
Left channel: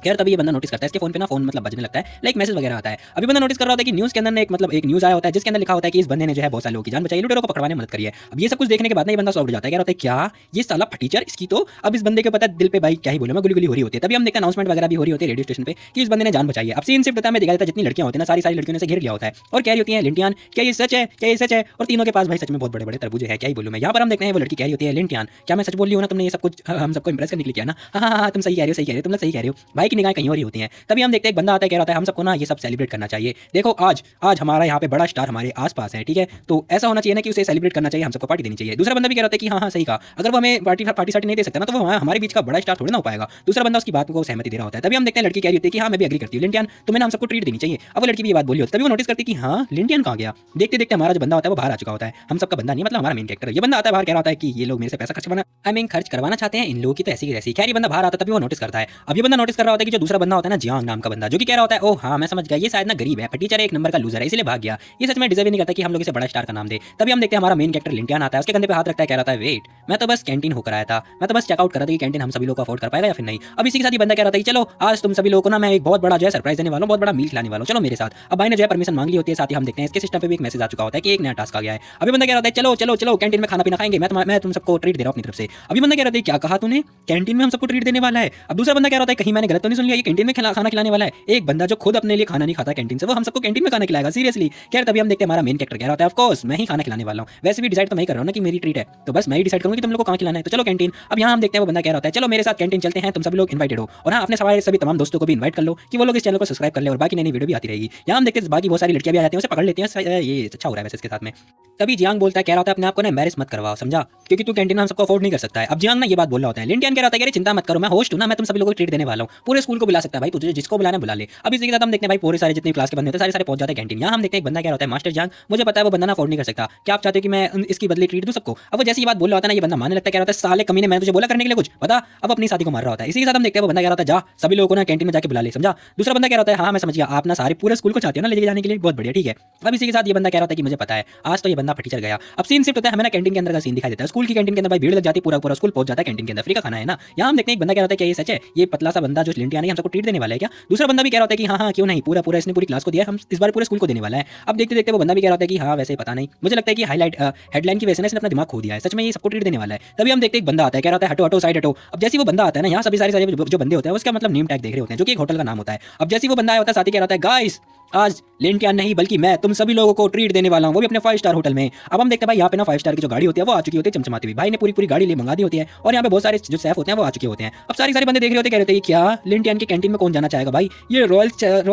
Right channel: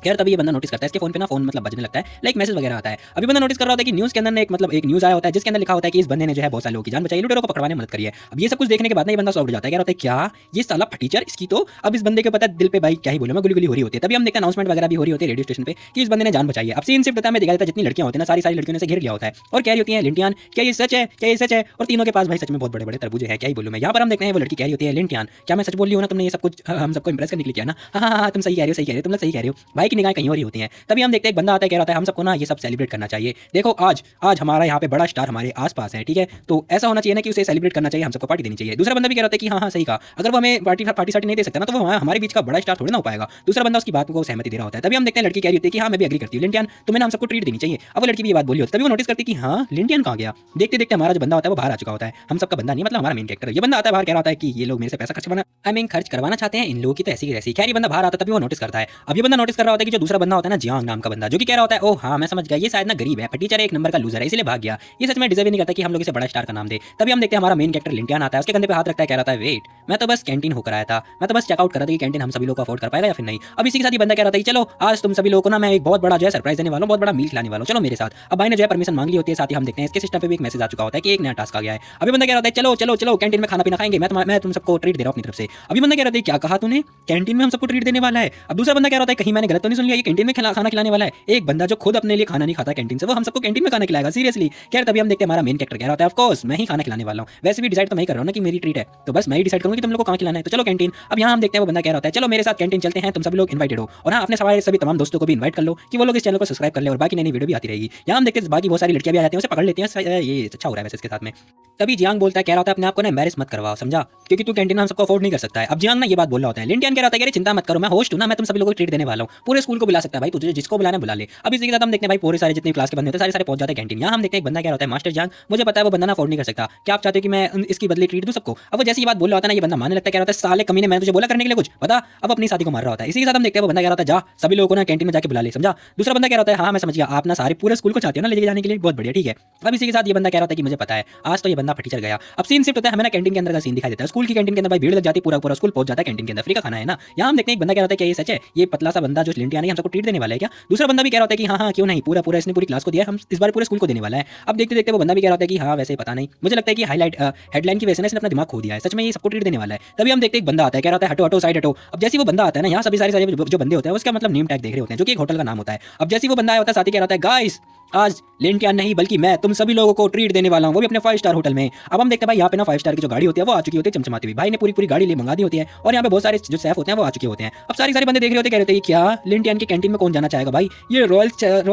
खैर तभी ये बंदा नोटिस करता है इसके फोन पे ना फोन मतलब बजने लगता है, लाइक मैसेज वगैरह आता है। अभी बंदा नोटिस कर रहा होता है कि न्यूज़ के अंदर एक न्यूज़ आया होता है जिसके अंदर लिखा होता है कि इस बंदे ने जो है बहुत सारे लोगों की जान बचाई, लुटेरों को पकड़वाने में मदद करी है। अब ये सब कुछ देखने के बाद ना ये बंदा सॉफ्ट हो जाता है, कह रहा होता है क्या ये साला टीचर इसकी तो। अब इस बंदे के पता है दिल पे भाई क्या ही बोले मैं गुली हो रही होती है। तभी हम देखते हैं अनाउंसमेंट वगैरह भी हो रही होती है रेडियो स्टेशन पे कि इस बंदे ने जान बचाई है। अब सीन सिर्फ पता है दिखाई देता है जितनी लड़कियां होती है ना सारी लड़कियों ने से घेर लिया होता है और कह रही होती है लिंटियान क्या ये सच है, क्या ये सच है, और तीनों के पास भाई सच में बहुत बड़े बड़े तरबूज है, क्या ही बोलूं मैं। यहाँ पर हम देखते हैं वो लड़की कह रही होती है लिंटियान क्या मैं सच बोल रही हूँ ना, तुमने ये सब कुछ हम सबको इंप्रेस करने के लिए किया ना, हाँ तुम सही कह रहे हो तुम लोग सही कह रहे हो। भाई की निगाह कहीं और ही होती है। तभी हम देखते हैं बंदा आता है कह रहा है हम सबको ना ये सब सेलिब्रेट करना चाहिए, देखो आज हमारा यहाँ पे बड़ा स्टार हमारे आसपास है, ठीक है तो ऐसा होना चाहिए ना कि उसे सेलिब्रेट करना चाहिए, हम सबको पार्टी देनी चाहिए। दूसरा बंदा भी कह रहा है कि हाँ सही कहा, अगर वो हमें पार्टी नहीं दे सकता ना तो वो हमारे बीच का बड़ा स्टार थोड़ी ना हो पाएगा। दूसरा बंदा उसकी बात को सहमति दे रहा होता है। तभी हम देखते हैं लड़की कह रही होती है कि हाँ मैं भी एग्री करती हूँ लिंटियन, तो मैंने हम सबको ट्रीट देनी चाहिए। अब वो लड़की भी ये बात बोली होती है। तभी वो नोटिस करती है कि हाँ लिंटियन कहाँ गया। देखते देखते हमारा जो बंदा होता है वो बाहर आ चुका होता है, हम सबका बंदा नहीं मतलब हमारा मेन कैरेक्टर। ये बंदा आता है बाहर कह रहा होता है कि ये लोग मेरे से पैसा खर्च करवाना चाहते हैं, इन लोगों की तो ऐसी की ऐसी। खैर ये बंदा बाहर आता है तभी वो नोटिस करता है। अब ये बंदा नोटिस कर रहा होता है कि जो दूसरा बंदा होता है ना जियांग नाम का बंदा जो कि कह रहा होता है ओ हाँ मैं समझ गया ये शायद ना गरीब है, टीचर एक नंबर का लूजर है इसलिए भाग गया, ये सच में डिजर्व नहीं करता कि हम लोग इसे बड़ा स्टार का नाम दे। तभी हम देखते हैं हमारा मेन कैरेक्टर लिंटियन आता है, उसके कंधे पे हाथ रखता है, कह रहा है वेट मैं तो बस कैंटीन होकर आया था, मैं तो बस चेकआउट कर रहा था कि कैंटीन हम सभी लोग को अफोर्ड कर पाएगा या फिर नहीं। अब इसी के साथ ही बंदा कह रहा था चलो आज तुम सभी लोगों को ना मैं एक बहुत बड़ा जो है सरप्राइज देने वाला हूँ, बहुत बड़ा मील खिलाने वाला हूँ, चलो मेरे साथ। अब भाई ने जो है परमिशन मांग ली होती है, साथ ही हम देखते हैं इसके सिस्टम पे भी एक मैसेज आ चुका होता है कि एक नया टास्क आ गया है। अभी बंदा कह रहा है चलो चलो चलो कैंटीन में खाना पीना खाएंगे, मैं तुम सबको ट्रीट दे रहा हूँ अपनी तरफ से। अभी बंदा कह रहा है क्या कहा तूने, कैंटीन में हम सबको ट्रीट देने वाला है। अब दूसरा बंदा कह रहा है कहीं मैंने गलत तो नहीं सुन लिया, ये कैंटीन में खाना खिलाने वाला है। एक बंदा जो खुद अपने लिए खाना नहीं खाता कैंटीन से वो हम सबको कैंटीन में खाना खिलाएगा, सीरियसली। क्या तभी हम देखते हैं हमारा मेन कैरेक्टर कह रहा है ऑफ कोर्स मैं ही खाना खिलाने वाला हूँ, वैसे भी डिसाइड तो मैं ही कर रहा हूँ ना कि मेरी ट्रीट है तो बस मैं ही डिसाइड करूंगा कि तुम लोग को कहाँ खिलाना है, तो चलो कैंटीन। अब यहाँ हम देखते हैं वो बंदा कह रहा है चलो मेरे साथ कैंटीन चलते हैं, तुम सभी लोग इनवाइटेड हो और हाँ अपने सवाल सभी तमाम दोस्तों को भी इनवाइट कर लो कि वो लोग इस चैनल को सब्सक्राइब कर ले और बाकी नई वीडियो भी आती रहेगी। यहाँ हम देखते हैं बाकी बहुत सारी लड़कियां भी आ जाती है उसे पकड़ लेती हैं, ये अच्छा हो रहा है इसके साथ में। तभी जियांग बोलता है कह रहा होता है अपने आप को ना मैरिज मत करवाओ समझा, क्योंकि तू कैंटीन में हम सबको अफोर्ड नहीं कर सकता है। अब जियांग ने ये बात बोल रहा होता है, लिंटियन कह रहा होता है यार चिंता मत करो मैं होस्ट हूं ना, मैं तुम सभी लोगों को ट्रीट देने वाला हूं, पूरे पूरे स्कूल को बुला सकता है भाई, तुझे जिसको बुलाना बुला ले। अब इसी के साथ हम देखते हैं भाई पूरे सारे जितने क्लास के बंदे होते हैं सारे पहुंच जाते हैं कैंटीन। यहाँ हम देखते हैं एक बंदा क्या होता है मास्टर जंग, मुझे पता है वो बंदा ना अफोर्ड नहीं कर सकता, क्या आप चाहते हो कि मैं इसकी बदले ट्रीट दूं सबको। अब वो जैसी बात बोल रहा होता है ना ये बंदा मानने लगता है, क्या होता है साले कमीने मैंने तुझे बोला करने के लिए कुछ बता, अब अपनी साथी को मार रहा होता है। इसी के साथ हम देखते हैं वो बंदा क्या होता है जा सभी लोगों को ना कैंटीन में जाके बुला ले, समझा। दूसरा बंदा क्या होता है हाँ मैं समझ गया, आप ना सारे पूरे स्कूल को चाहते हो ना लेके जाने के लिए, बहुत बढ़िया ठीक है। अब इसी के साथ ये बंदा क्या होता है कि मुझे पता है आज तो ये बंदा फटी चल गया। अब सीन शिफ्ट होता है हमें ना कैंटीन के अंदर का सीन दिखाई देता है, स्कूल की कैंटीन के अंदर भाई भीड़ लग जाती है, पूरा पूरा स्कूल पहुंच जाता है कैंटीन के अंदर, फ्री का खाना है ना। यहाँ हम देखते हैं एक बंदा क्या होता है कि ये सच है ये पतला सा बंदा जो लिंटिया नहीं हम सबको ट्रीट देने वाला है क्या। दूसरा बंदा भी कह रहा है कि हाँ हाँ क्यों नहीं, पूरा पूरा इसने पूरी क्लास को दिया, हम इस बार पूरे स्कूल को देने वाला है। अब देखते देखते वो बंदा भी कह रहा है कि हाँ वैसे पता नहीं, मुझे लगता है कि हाईलाइट हेडलाइन की वजह से इसने अपना दिमाग खो दिया है, सच में ये सबको ट्रीट देने वाला है। तभी हम देखते हैं एक बंदा आता है कह रहा है हटो हटो साइड हटो। अब जैसे वो बंदा आता है ना यहाँ सभी सारे जो बंदे होते हैं उसका मतलब नेम टैग देख रहे होते हैं जो कि एक होटल का नाम होता है। अब जैसे वो बंदा होता है साथ ही कह रहा है गाइस आज लिंटिया नहीं बल्कि मैं तुम सभी लोगों को ट्रीट देने वाला हूँ, वो भी अपने 5 स्टार होटल में। अब हम देखते हैं भाई यहाँ पे ना 5 स्टार की जो गाड़ी होती है वो आ चुकी होती है चमचमाती हुई, भाई ने पूरी पूरी गाड़ी ले मंगा दी होती है और यहाँ पे बहुत सारे जो शेफ होते हैं वो आ चुके होते हैं। अब सारे बंदे देख रहे होते हैं, कह रहे थे क्या लिंटियन के कैंटीन में कौन जाना चाहेगा भाई, ये रॉयल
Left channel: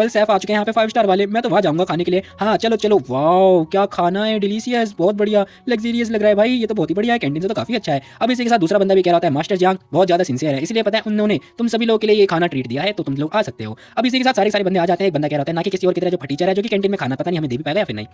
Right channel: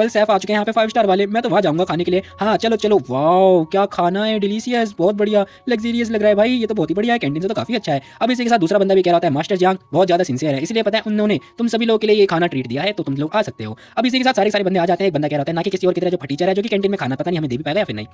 शेफ आ चुके हैं यहाँ पे 5 स्टार वाले, मैं तो वहाँ जाऊंगा खाने के लिए। हाँ चलो चलो, वाओ क्या खाना है, डिलीशियस, बहुत बढ़िया लग्जरियस लग रहा है भाई, ये तो बहुत ही बढ़िया है, कैंटीन तो काफी अच्छा है। अब इसी के साथ दूसरा बंदा भी कह रहा है मास्टर जांग बहुत ज्यादा सिंसियर है, इसलिए पता है उन्होंने तुम सभी लोगों के लिए ये खाना ट्रीट दिया है तो तुम लोग आ सकते हो। अब इसी के साथ सारे बंदे आ जाते हैं, बंदा कह रहा है ना कि किसी और की तरह जो फटीचर है जो कि कैंटीन में खाना पता नहीं हमें दे भी पाएगा या फिर नहीं।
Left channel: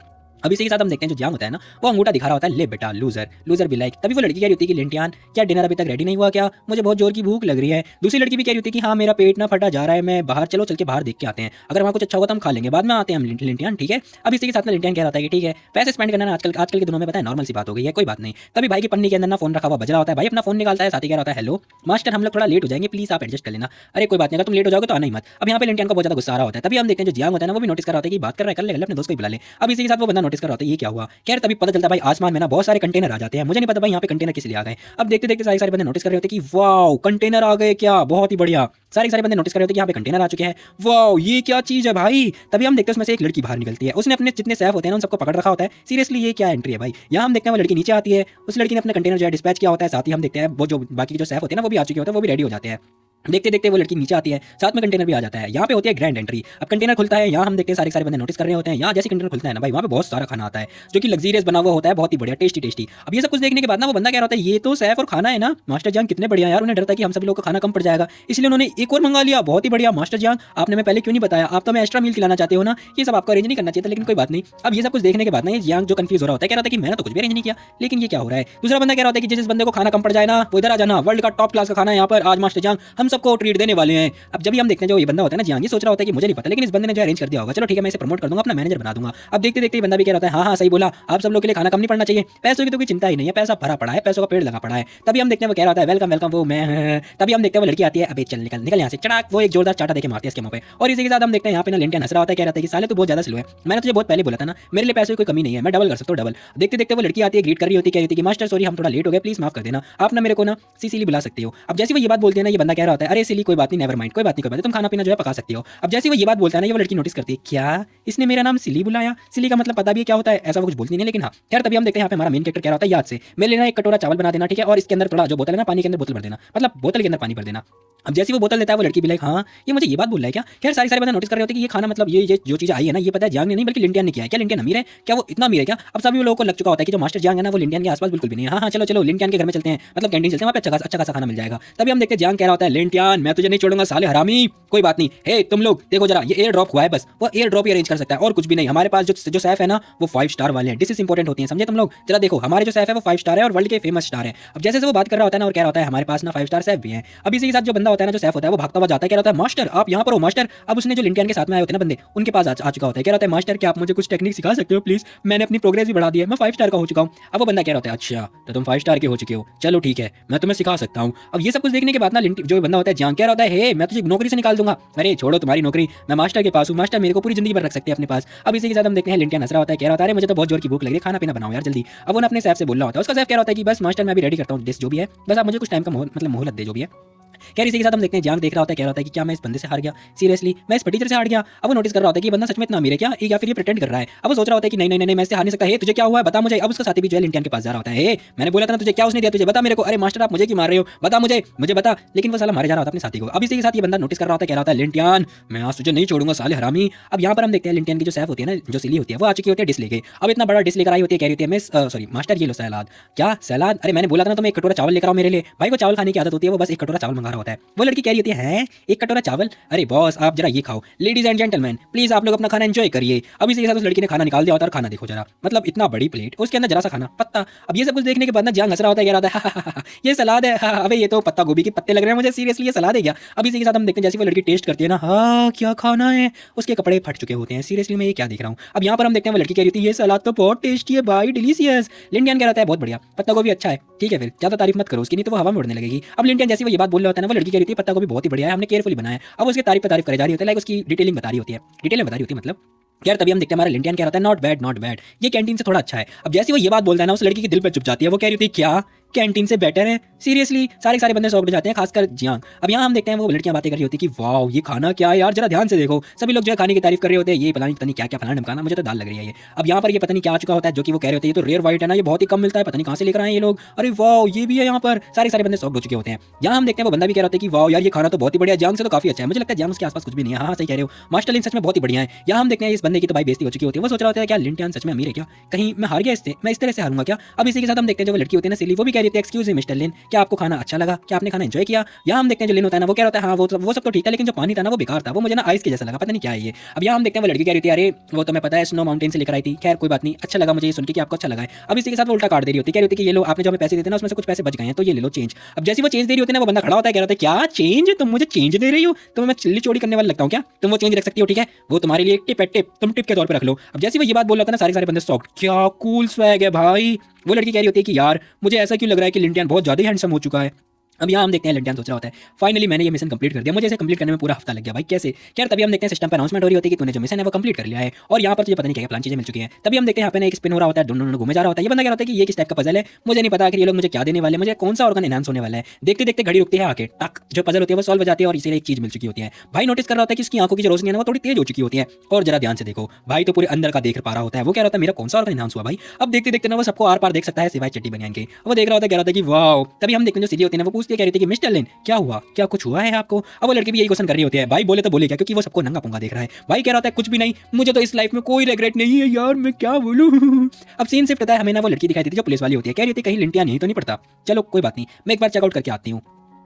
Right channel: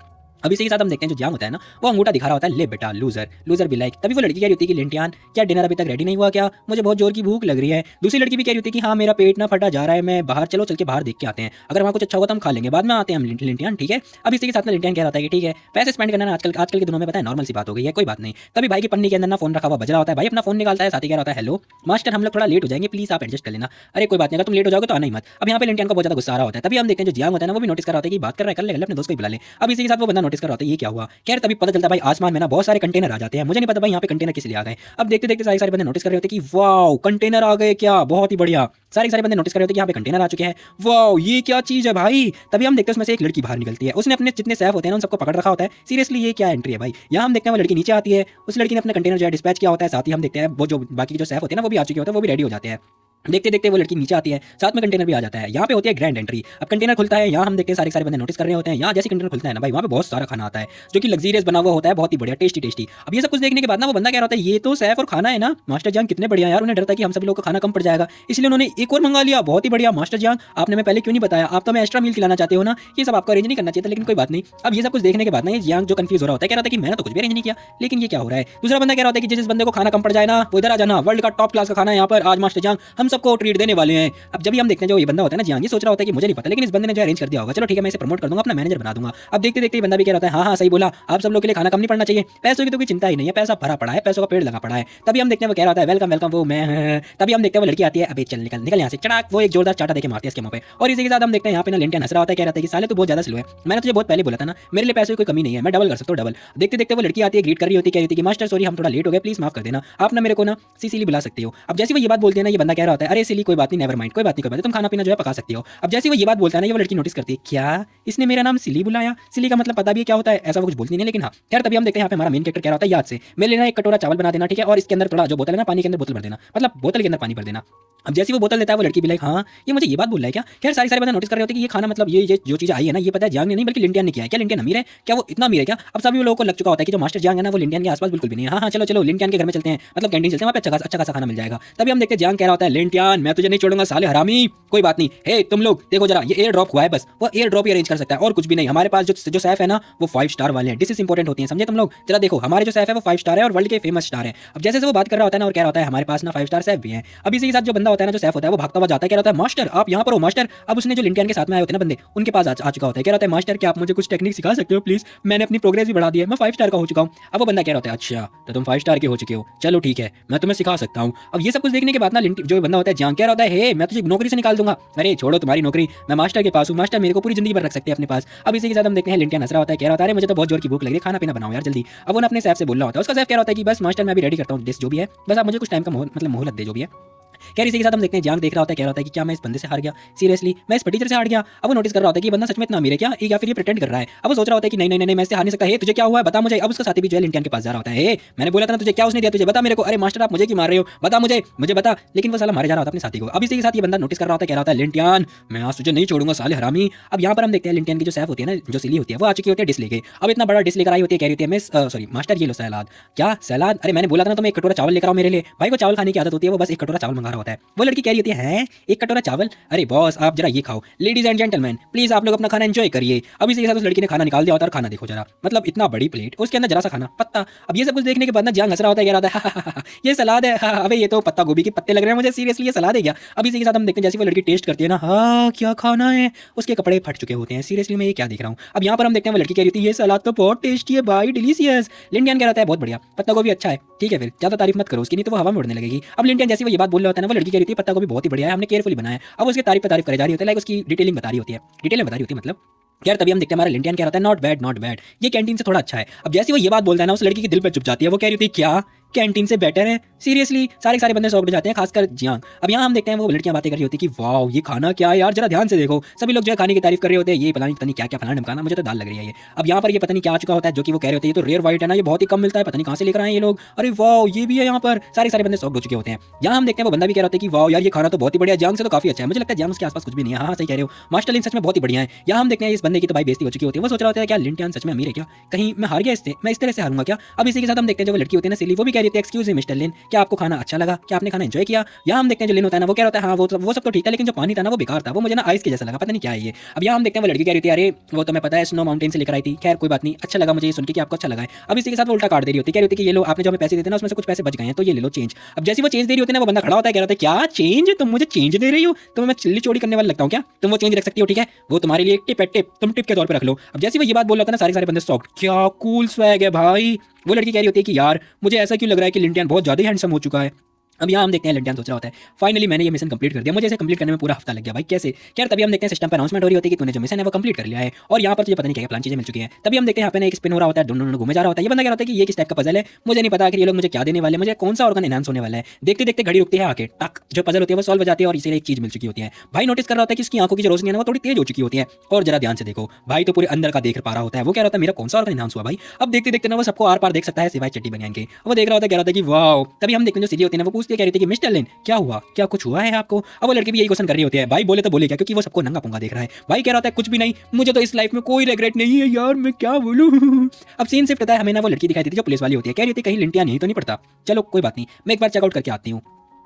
अब इसी के साथ हम देखते हैं जो जांग होता है ना वो अंगूठा दिखा रहा होता है, ले बेटा लूजर लूजर भी लाइक। तभी वो लड़की कह रही होती है कि लिंटियान क्या डिनर अभी तक रेडी नहीं हुआ क्या, मुझे बहुत जोर की भूख लग रही है। दूसरी लड़की भी कह रही होती है कि हाँ मेरा पेट ना फटा जा रहा है, मैं बाहर चलो चल के बाहर देख के आते हैं, अगर वहाँ कुछ अच्छा होगा तो हम खा लेंगे, बाद में आते हैं हम लिंटियान ठीक है। अब इसी के साथ में लिंटियान कह रहा है कि ठीक है पैसे स्पेंड करना आजकल के दिनों में पता है नॉर्मल सी बात हो गई है, कोई बात नहीं। तभी भाई की पन्नी के अंदर ना फोन रखा हुआ बज रहा होता है, भाई अपना फोन निकालता है, साथ ही कह रहा है हेलो मास्टर हम लोग थोड़ा लेट हो जाएंगे प्लीज आप एडजस्ट कर लेना। अरे कोई बात नहीं, तुम लेट हो जाओगे तो है नहीं मत। अब यहाँ पे लिंटियान का बहुत ज्यादा गुस्सा आ रहा होता है, तभी हम देखते हैं जो जियांग होता है ना वो भी नोटिस कर रहा होता है कि बात कर रहा है कर ले अपने दोस्त को बुला ले। अब इसी के साथ वो बंदा नोटिस कर रहा होता है ये क्या हुआ, खैर तभी पता चलता है भाई आसमान में ना बहुत सारे कंटेनर आ जाते हैं, मुझे नहीं पता भाई यहाँ पे कंटेनर किस लिए आ गए। अब देखते देखते सारे बंदे नोटिस कर रहे होते हैं कि वाओ कंटेनर आ गए क्या, बहुत ही बढ़िया। सारे बंदे नोटिस कर रहे होते हैं कि यहाँ पे कंटेनर आ चुके हैं, वाओ ये क्या चीज है भाई। तभी हम देखते हैं उसमें से एक लड़की बाहर निकलती है, उसने अपने जितने सेफ होते हैं उन सबको पकड़ रखा होता है, सीरियसली ये क्या एंट्री है भाई। यहाँ हम देखते हैं वो लड़की नीचे आती है, उस लड़की ने अपने कंटेनर डिस्पैच किया होता है, साथ ही हम देखते हैं वो जो बाकी जो सेफ होते हैं ना वो भी आ चुके होते हैं, वो भी रेडी हो जाते हैं। देखते देखते वो लड़की नीचे आती है, साथ में कंटेनर भी आ जाता है, यहाँ पे होती है ग्रैंड एंट्री। अब कंटेनर खुलता है, यहाँ हम देखते हैं सारे बंदे नोटिस कर रहे होते हैं, यहाँ जैसे कंटेनर खुलता है ना भाई वहाँ पे बहुत सारा खाना आता है जो कि लग्जरियस बना हुआ होता है, बहुत ही बढ़िया टेस्टी टेस्टी। अब ये सब कुछ देखने के बाद ना वो बंदा क्या होता है ये तो सैफ और खाना है ना मास्टर जान कितने बढ़िया यार, उन्हें डरता है कि हम सभी लोग को खाना कम पड़ जाएगा इसलिए उन्होंने एक और मंगा लिया, बहुत ही बढ़िया मास्टर जान आपने मैं पहले क्यों नहीं बताया, आप तो मैं एक्स्ट्रा मील खिलाना चाहते हो ना, ये सब आपको अरेंज नहीं करना चाहिए, लेकिन कोई बात नहीं। अब ये सब कुछ देखने के बाद ना ये जो कंफ्यूज हो रहा होता है, कह रहा था कि मैंने तो कुछ भी अरेंज नहीं किया लेकिन ये क्या हो रहा है। दूसरा बंदा कह रहा है कि जिस बंदे को खाना कम पड़ जाए ना वो इधर आ जाना, वर्ल्ड का टॉप क्लास का खाना है यहाँ पर आज मास्टर जान हम सबको ट्रीट देने वाले हैं। अब जब हम देखते हैं जो ये बंदा होता है ना जियांग ये सोच रहा होता है कि मुझे नहीं पता लेकिन इस बंदे ने जो अरेंज कर दिया होगा, चलो ठीक है मैं इसे प्रमोट कर दूंगा, अपना मैनेजर बना दूंगा। अब देखते देखते बंदा भी कह रहा है हाँ सही बोला, आप सब लोग के लिए खाना कम नहीं पड़ना चाहिए, पैसों की तो कोई चिंता ही नहीं है, पैसा भरा पड़ा है, पैसों का पेड़ लगा पड़ा है। तभी हम देखते हैं वो कह रहा है वेलकम वेलकम वो मैं। तभी हम देखते हैं वो लड़की आती है, अबे चल निकल निकल यहाँ से, चढ़ा वो एक जोरदार चाटा देके मारती है इसके मुंह पे। और इसी के साथ हम देखते हैं यहाँ पे ना लिंटियन हंस रहा होता है, कह रहा है कि साले तू बहुत ज्यादा स्लो है, मैंने तुझे बहुत पहले बोला था ना मेरे लिए पैसे की कोई कमी नहीं है, मैं डबल कर सकता हूँ डबल। देखते देखते वो लड़की आती है, ग्रीट कर रही होती है, कह रही थी कि मास्टर सॉरी हम थोड़ा लेट हो गए प्लीज माफ कर देना, आप ना मेरे को ना सीसीली बुला सकते हो। अब जैसे वो ये बात बोलते हैं ना ये बंदा कह रहा होता है अरे सिली कोई बात नहीं नेवर माइंड, कोई बात नहीं तुम खाना पीना जो है पका सकती हो। अब जैसे वो ये बात बोलता है ना ये वो लड़की नोटिस करती है क्या इसने मेरा नाम सिली बुलाया, सिली का मतलब पता भी क्या होता है, ऐसा वो कुछ बोलती नहीं लेकिन हाँ खैर। तभी हम देखते हैं यहाँ पे हमारा मेन कैरेक्टर कह रहा होता है याद से मैं लेना एक कटोरा चावल बना देना ठीक है, और इसके अंदर थोड़ा जो बोतल है ना पानी के अंदर बोतल भर देना, मतलब बोतल के अंदर पानी भर देना। अब जैसे वो बोतल देता है वो लड़की भी लाइक हाँ ये मुझे ये बात बोल रहा है क्या। खैर सारे बंदे नोटिस कर रहे होते हैं कि ये खाना मतलब ये जो चीज़ आई है ना ये पता है जांग ने नहीं बल्कि लिंटियन ने किया है, क्या लिंटियन अमीर है क्या, वो इतना अमीर है क्या। अब सभी लोगों को लग चुका होता है कि जो मास्टर जांग है ना वो लिंटियन के आसपास बिल्कुल भी नहीं है। हाँ चलो चलो लिंटियन के घर में चलते हैं, मतलब कैंटीन चलते हैं, वहाँ पे अच्छा खासा खाना मिल जाएगा। तभी हम देखते हैं जांग कह रहा होता है लिंटियन मैं तुझे नहीं छोड़ूंगा साले हरामी, कोई बात नहीं हे तुम लोग देखो जरा ये एयर ड्रॉप हुआ है बस, वो एयर ड्रॉप ही अरेंज कर सकता है और कुछ भी नहीं। हमारे पास जो सेफ है ना वो 5 स्टार वाले हैं, डिशेस इंपॉर्टेंट होती है समझे तुम लोग, जरा देखो हमारे जो सेफ है वो 5 स्टार है और वर्ल्ड के फेमस स्टार है। अब जैसे वो बात कर रहा होता है ना और कह रहा होता है हमारे पास ना 5 स्टार सेफ भी है। अब इसी के साथ जो बंदा होता है ना जो सेफ होता है वो भागता हुआ जाता है, कह रहा है मास्टर आप यहाँ पर हो मास्टर। अब उसने जो लिंटियन के साथ में आए होते हैं ना बंदे उनके पास आ चुका होता है, कह रहा है मास्टर क्या आप मुझे कुछ टेक्निक सिखा सकते हो प्लीज, मैंने अपनी प्रोग्रेस भी बढ़ा दी है, मैं 5 स्टार का हो चुका हूँ। अब वो बंदा कह रहा है अच्छा तो तुम 5 स्टार के हो चुके हो, चलो ठीक है मैं तुम्हें सिखा सकता हूँ। अब ये सब कुछ देखने के बाद ना जो बंदा होता है जान कह रहा है हे मैं तुझे नौकरी से निकाल दूंगा, अरे छोड़ो तुम्हारी नौकरी मैं मास्टर के पास हूँ, मास्टर मेरे को पूरी जिंदगी भर रख सकते हैं अपने पास। अब इसी के साथ हम देखते हैं लिंटियन हंस रहा होता है, कह रहा है मुझे तो बहुत जोर की भूख लगी है, खाना पीना बनाओ यार जल्दी। अब वो अपने सेफ से बोल रहा होता है, उसका सेफ कह रहा होता है कि बस मास्टर मैं अभी रेडी करता हूँ डिश जो भी है, बस आप मुझे कुछ टाइम का मतलब मोहलत दे जो भी है। खैर इसी के साथ हम देखते हैं जांग देख रहा होता है, कह रहा होता है कि क्या मैं इस बंदे से हार गया, सीरियसली मैं इस टीचर से हार गया। अब वो नोटिस कर रहा होता है कि ये बंदा सच में इतना अमीर है क्या या फिर ये प्रिटेंड कर रहा है। अब वो सोच रहा होता है कि नहीं नहीं नहीं मैं इससे हार नहीं सकता, तुझे क्या हुआ है बता मुझे। अब उसका साथी भी जेल इंडियन के पास जा रहा होता है, मैंने बोला था ना तुझे क्या उसने दिया तुझे बता मेरे को, अरे मास्टर आप मुझे क्यों मार रहे हो बता मुझे बता, लेकिन वो साला मारे जा रहा होता अपने साथी को। अब इसी के साथ ये बंदा नोटिस कर रहा होता है, कह रहा होता है लिंटियन मैं आज तुझे नहीं छोड़ूंगा साले हरामी। अब यहाँ पर हम देखते हैं लिंटियन की जो सेफ होती है ना जो सिली होती है वो आ चुकी होती है डिश लेके। अब इतना बड़ा डिश लेकर आई होती है, कह रही होती है मैं सॉरी मास्टर ये लो सलाद, क्या सलाद, अरे मैंने बोला था ना तुम्हें एक कटोरा चावल लेकर आओ मेरे लिए। भाई को चावल खाने की आदत होती है, वो बस एक कटोरा चावल मंगा रहा होता है। वो लड़की कह रही होती है एक कटोरा चावल, अरे बॉस आप जरा ये खाओ, लेडीज एंड जेंटलमैन प्लीज आप लोग अपना खाना एंजॉय करिए। अब इसी के साथ उस लड़की ने खाना निकाल दिया होता है, खाना देखो जरा, मतलब इतना बड़ी प्लेट, उसके अंदर जरा सा खाना पत्ता। अब ये सब कुछ देखने के बाद ना जान हंस रहा होता है, कह रहा होता है ये सलाद है, अबे ये तो पत्ता गोभी के पत्ते लग रहे हैं मुझे, सीरियसली ये सलाद है क्या। अब इसी के साथ हम देखते हैं जैसे वो लड़की टेस्ट करती है ना, हाँ क्या खाना है, उसके कपड़े फट चुके होते हैं, सीरियसली मैं ये क्या देख रहा हूँ। अब यहाँ पर हम देखते हैं वो लड़की कह रही थी ये सलाद तो बहुत टेस्टी है भाई, डिलीशियस। लिंडियन कह रहा है बहुत बढ़िया, पत्ता गोभी अच्छा है, ठीक है फिर ज्यादा तारीफ मत करो उसकी, नहीं तो वो हवा में उड़ने लगेगी। अब लिंडियन जैसे वो ये बात बोल रहा होता है ना, वो लड़की कह रही थी पत्ता गोभी बहुत ही बढ़िया है, हमने केयरफुली बनाया है। अब उसकी तारीफ करे जा रही होती है, लाइक उसकी डिटेलिंग बता रही होती है, डिटेल बता रही होती है मतलब यार। तभी हम देखते हैं हमारा लिंडियन कह रहा है नॉट बैड, ये कैंटीन से थोड़ा अच्छा है। अब जैसे वो ये बात बोलता है ना, उस लड़की के दिल पर चुप जाती है, वो कह रही होती है क्या कैंटीन से बेटर है, सीरियसली सारे बंदे शौक जाते हैं, खासकर जियांग। अब यहाँ हम देखते हैं वो लड़कियां बातें कर रही होती है कि वाओ ये खाना क्या है यार, जरा ध्यान से देखो, सभी लोग जो खाने की तारीफ कर रहे होते हैं, ये पता नहीं क्या क्या फलाना ढमकाना, मुझे तो दाल लग रही है ये। अब यहाँ पर ये पता नहीं क्या चुका होता है, जो कि वो कह रहे होते हैं ये तो रेयर व्हाइट है ना, ये बहुत ही कम मिलता है, पता नहीं कहाँ से लेकर आए ये लोग, अरे वाओ ये भी है यहाँ पर, सारे बंदे शौक हो चुके होते हैं। यहाँ हम देखते हैं वो बंदा भी कह रहा है कि वाओ यार ये खाना तो बहुत ही बढ़िया, जाम से तो काफी अच्छा है, मुझे लगता है जाम उसके आसपास कुछ भी नहीं है। हाँ सही कह रहे हो, मास्टर लिन सच में बहुत ही बढ़िया है। यहाँ हम देखते हैं इस बंदे की तो भाई बेइज्जती हो चुकी होती है, वो सोच रहा होता है क्या लिंटियन सच में अमीर है क्या, कहीं मैं हार गया मैं इस तरह से हारूंगा क्या। अब इसी के साथ हम देखते हैं जो लड़की होती है ना सिली, वो भी कह रही थी एक्सक्यूज मी मिस्टर लिन, क्या आपको खाना अच्छा लगा, क्या आपने खाना एंजॉय किया। यहाँ हम देखते हैं जो लिन होता है ना, वो कह रहा है हाँ वो सब तो ठीक है, लेकिन जो पानी था ना वो बेकार था, वो मुझे ना आइस के जैसा लगा, पता नहीं क्या है ये। अब यहाँ हम देखते हैं वो लड़की कह रही थी अरे वो तो मैं पता है स्नो माउंटेन से लेकर आई थी, खैर कोई बात नहीं, अच्छा लगा मुझे सुन के कि आपको अच्छा लगा है। अब इसी के साथ वो उल्टा काट दे रही होती है, कह रही होती है कि ये लो आपके जो हमें पैसे देते ना उसमें से कुछ पैसे बच गए हैं, तो ये ले लो चेंज। अब जैसे वो चेंज दे रही होती है ना, वो बंदा खड़ा होता है, कह रहा है क्या चेंज, तुम मुझे चेंज दे रही हो, तो मैं चिल्ली चोरी करने वाला लगता हूँ क्या, तुम वो चेंज रख सकती हो, ठीक है वो तुम्हारे लिए टिप है, टिप तुम टिप के तौर पर रख लो। अब जैसे वो ये बात बोल रहा था ना, सारे बंदे शॉक, क्या कूल स्वैग है भाई। वो लड़की कह रही होती है कि यार मुझे ऐसा क्यों लग रहा है कि लिंटियन बहुत ज्यादा ही हैंडसम हो चुका है। अब यहाँ हम देखते हैं लिंटियन सोच रहा होता है फाइनली मैंने ये मिशन कंप्लीट कर दिया, मुझे इसे कंप्लीट करने में पूरा हफ्ता लग गया भाई कैसे। यार तभी हम देखते हैं सिस्टम पर अनाउंसमेंट हो रही होती है कि तूने जो मिशन है वो कंप्लीट कर लिया है, और यहाँ पर तुझे पता नहीं क्या प्लान चीजें मिल चुकी हैं। तभी हम देखते हैं यहाँ पे एक स्पिन हो रहा होता है, ढूंढ घूमे जा रहा होता है, ये बंदा कह रहा होता है कि ये किस टाइप का पजल है, मुझे नहीं पता कि ये लोग मुझे क्या देने वाले, मुझे कौन सा ऑर्गन एनहांस होने वाला है। देखते देखते घड़ी रुकती है आके, टक जो पजल होती है वो सॉल्व हो जाती है, और इसे एक चीज मिल चुकी होती है। भाई नोटिस कर रहा होता है कि इसकी आंखों की जो रोशनी है ना वो थोड़ी तेज हो चुकी होती है, और जरा ध्यान से देखो भाई तो पूरे अंदर का देख पा रहा होता है। वो कह रहा होता है मेरा कौन सा ऑर्गन एनहांस हुआ भाई। अब देखते देखते ना वो सबको आर पार देख सकता है सिवाय चिट्टी बनियान के, वो देख रहा होता है, कह रहा था कि वाओ। तभी हम देखते हैं सीधी होती है ना, वो पूछते कह रही थी कि मिस्टर लिन क्या हुआ, क्या कुछ हुआ है आपको। अब वो लड़की भी यही क्वेश्चन कर रही होती है, भाई बोले तो बोले क्या, क्योंकि वो सबको नंगा पुंगा देख रहा है। भाई कह रहा था कुछ भी नहीं, मुझे तो इस लाइफ में कोई रिग्रेट नहीं है यार, मैं क्या बोलूं। अब सीन शिफ्ट होता है, हमें ना वो लड़की दिखाई देती है जो पुलिस वाली होती है, कह रही होती है कहीं लिंटिया नहीं तो नहीं पड़ता, चलो कोई बात नहीं मैं एक बार चेकआउट करके आती हूँ।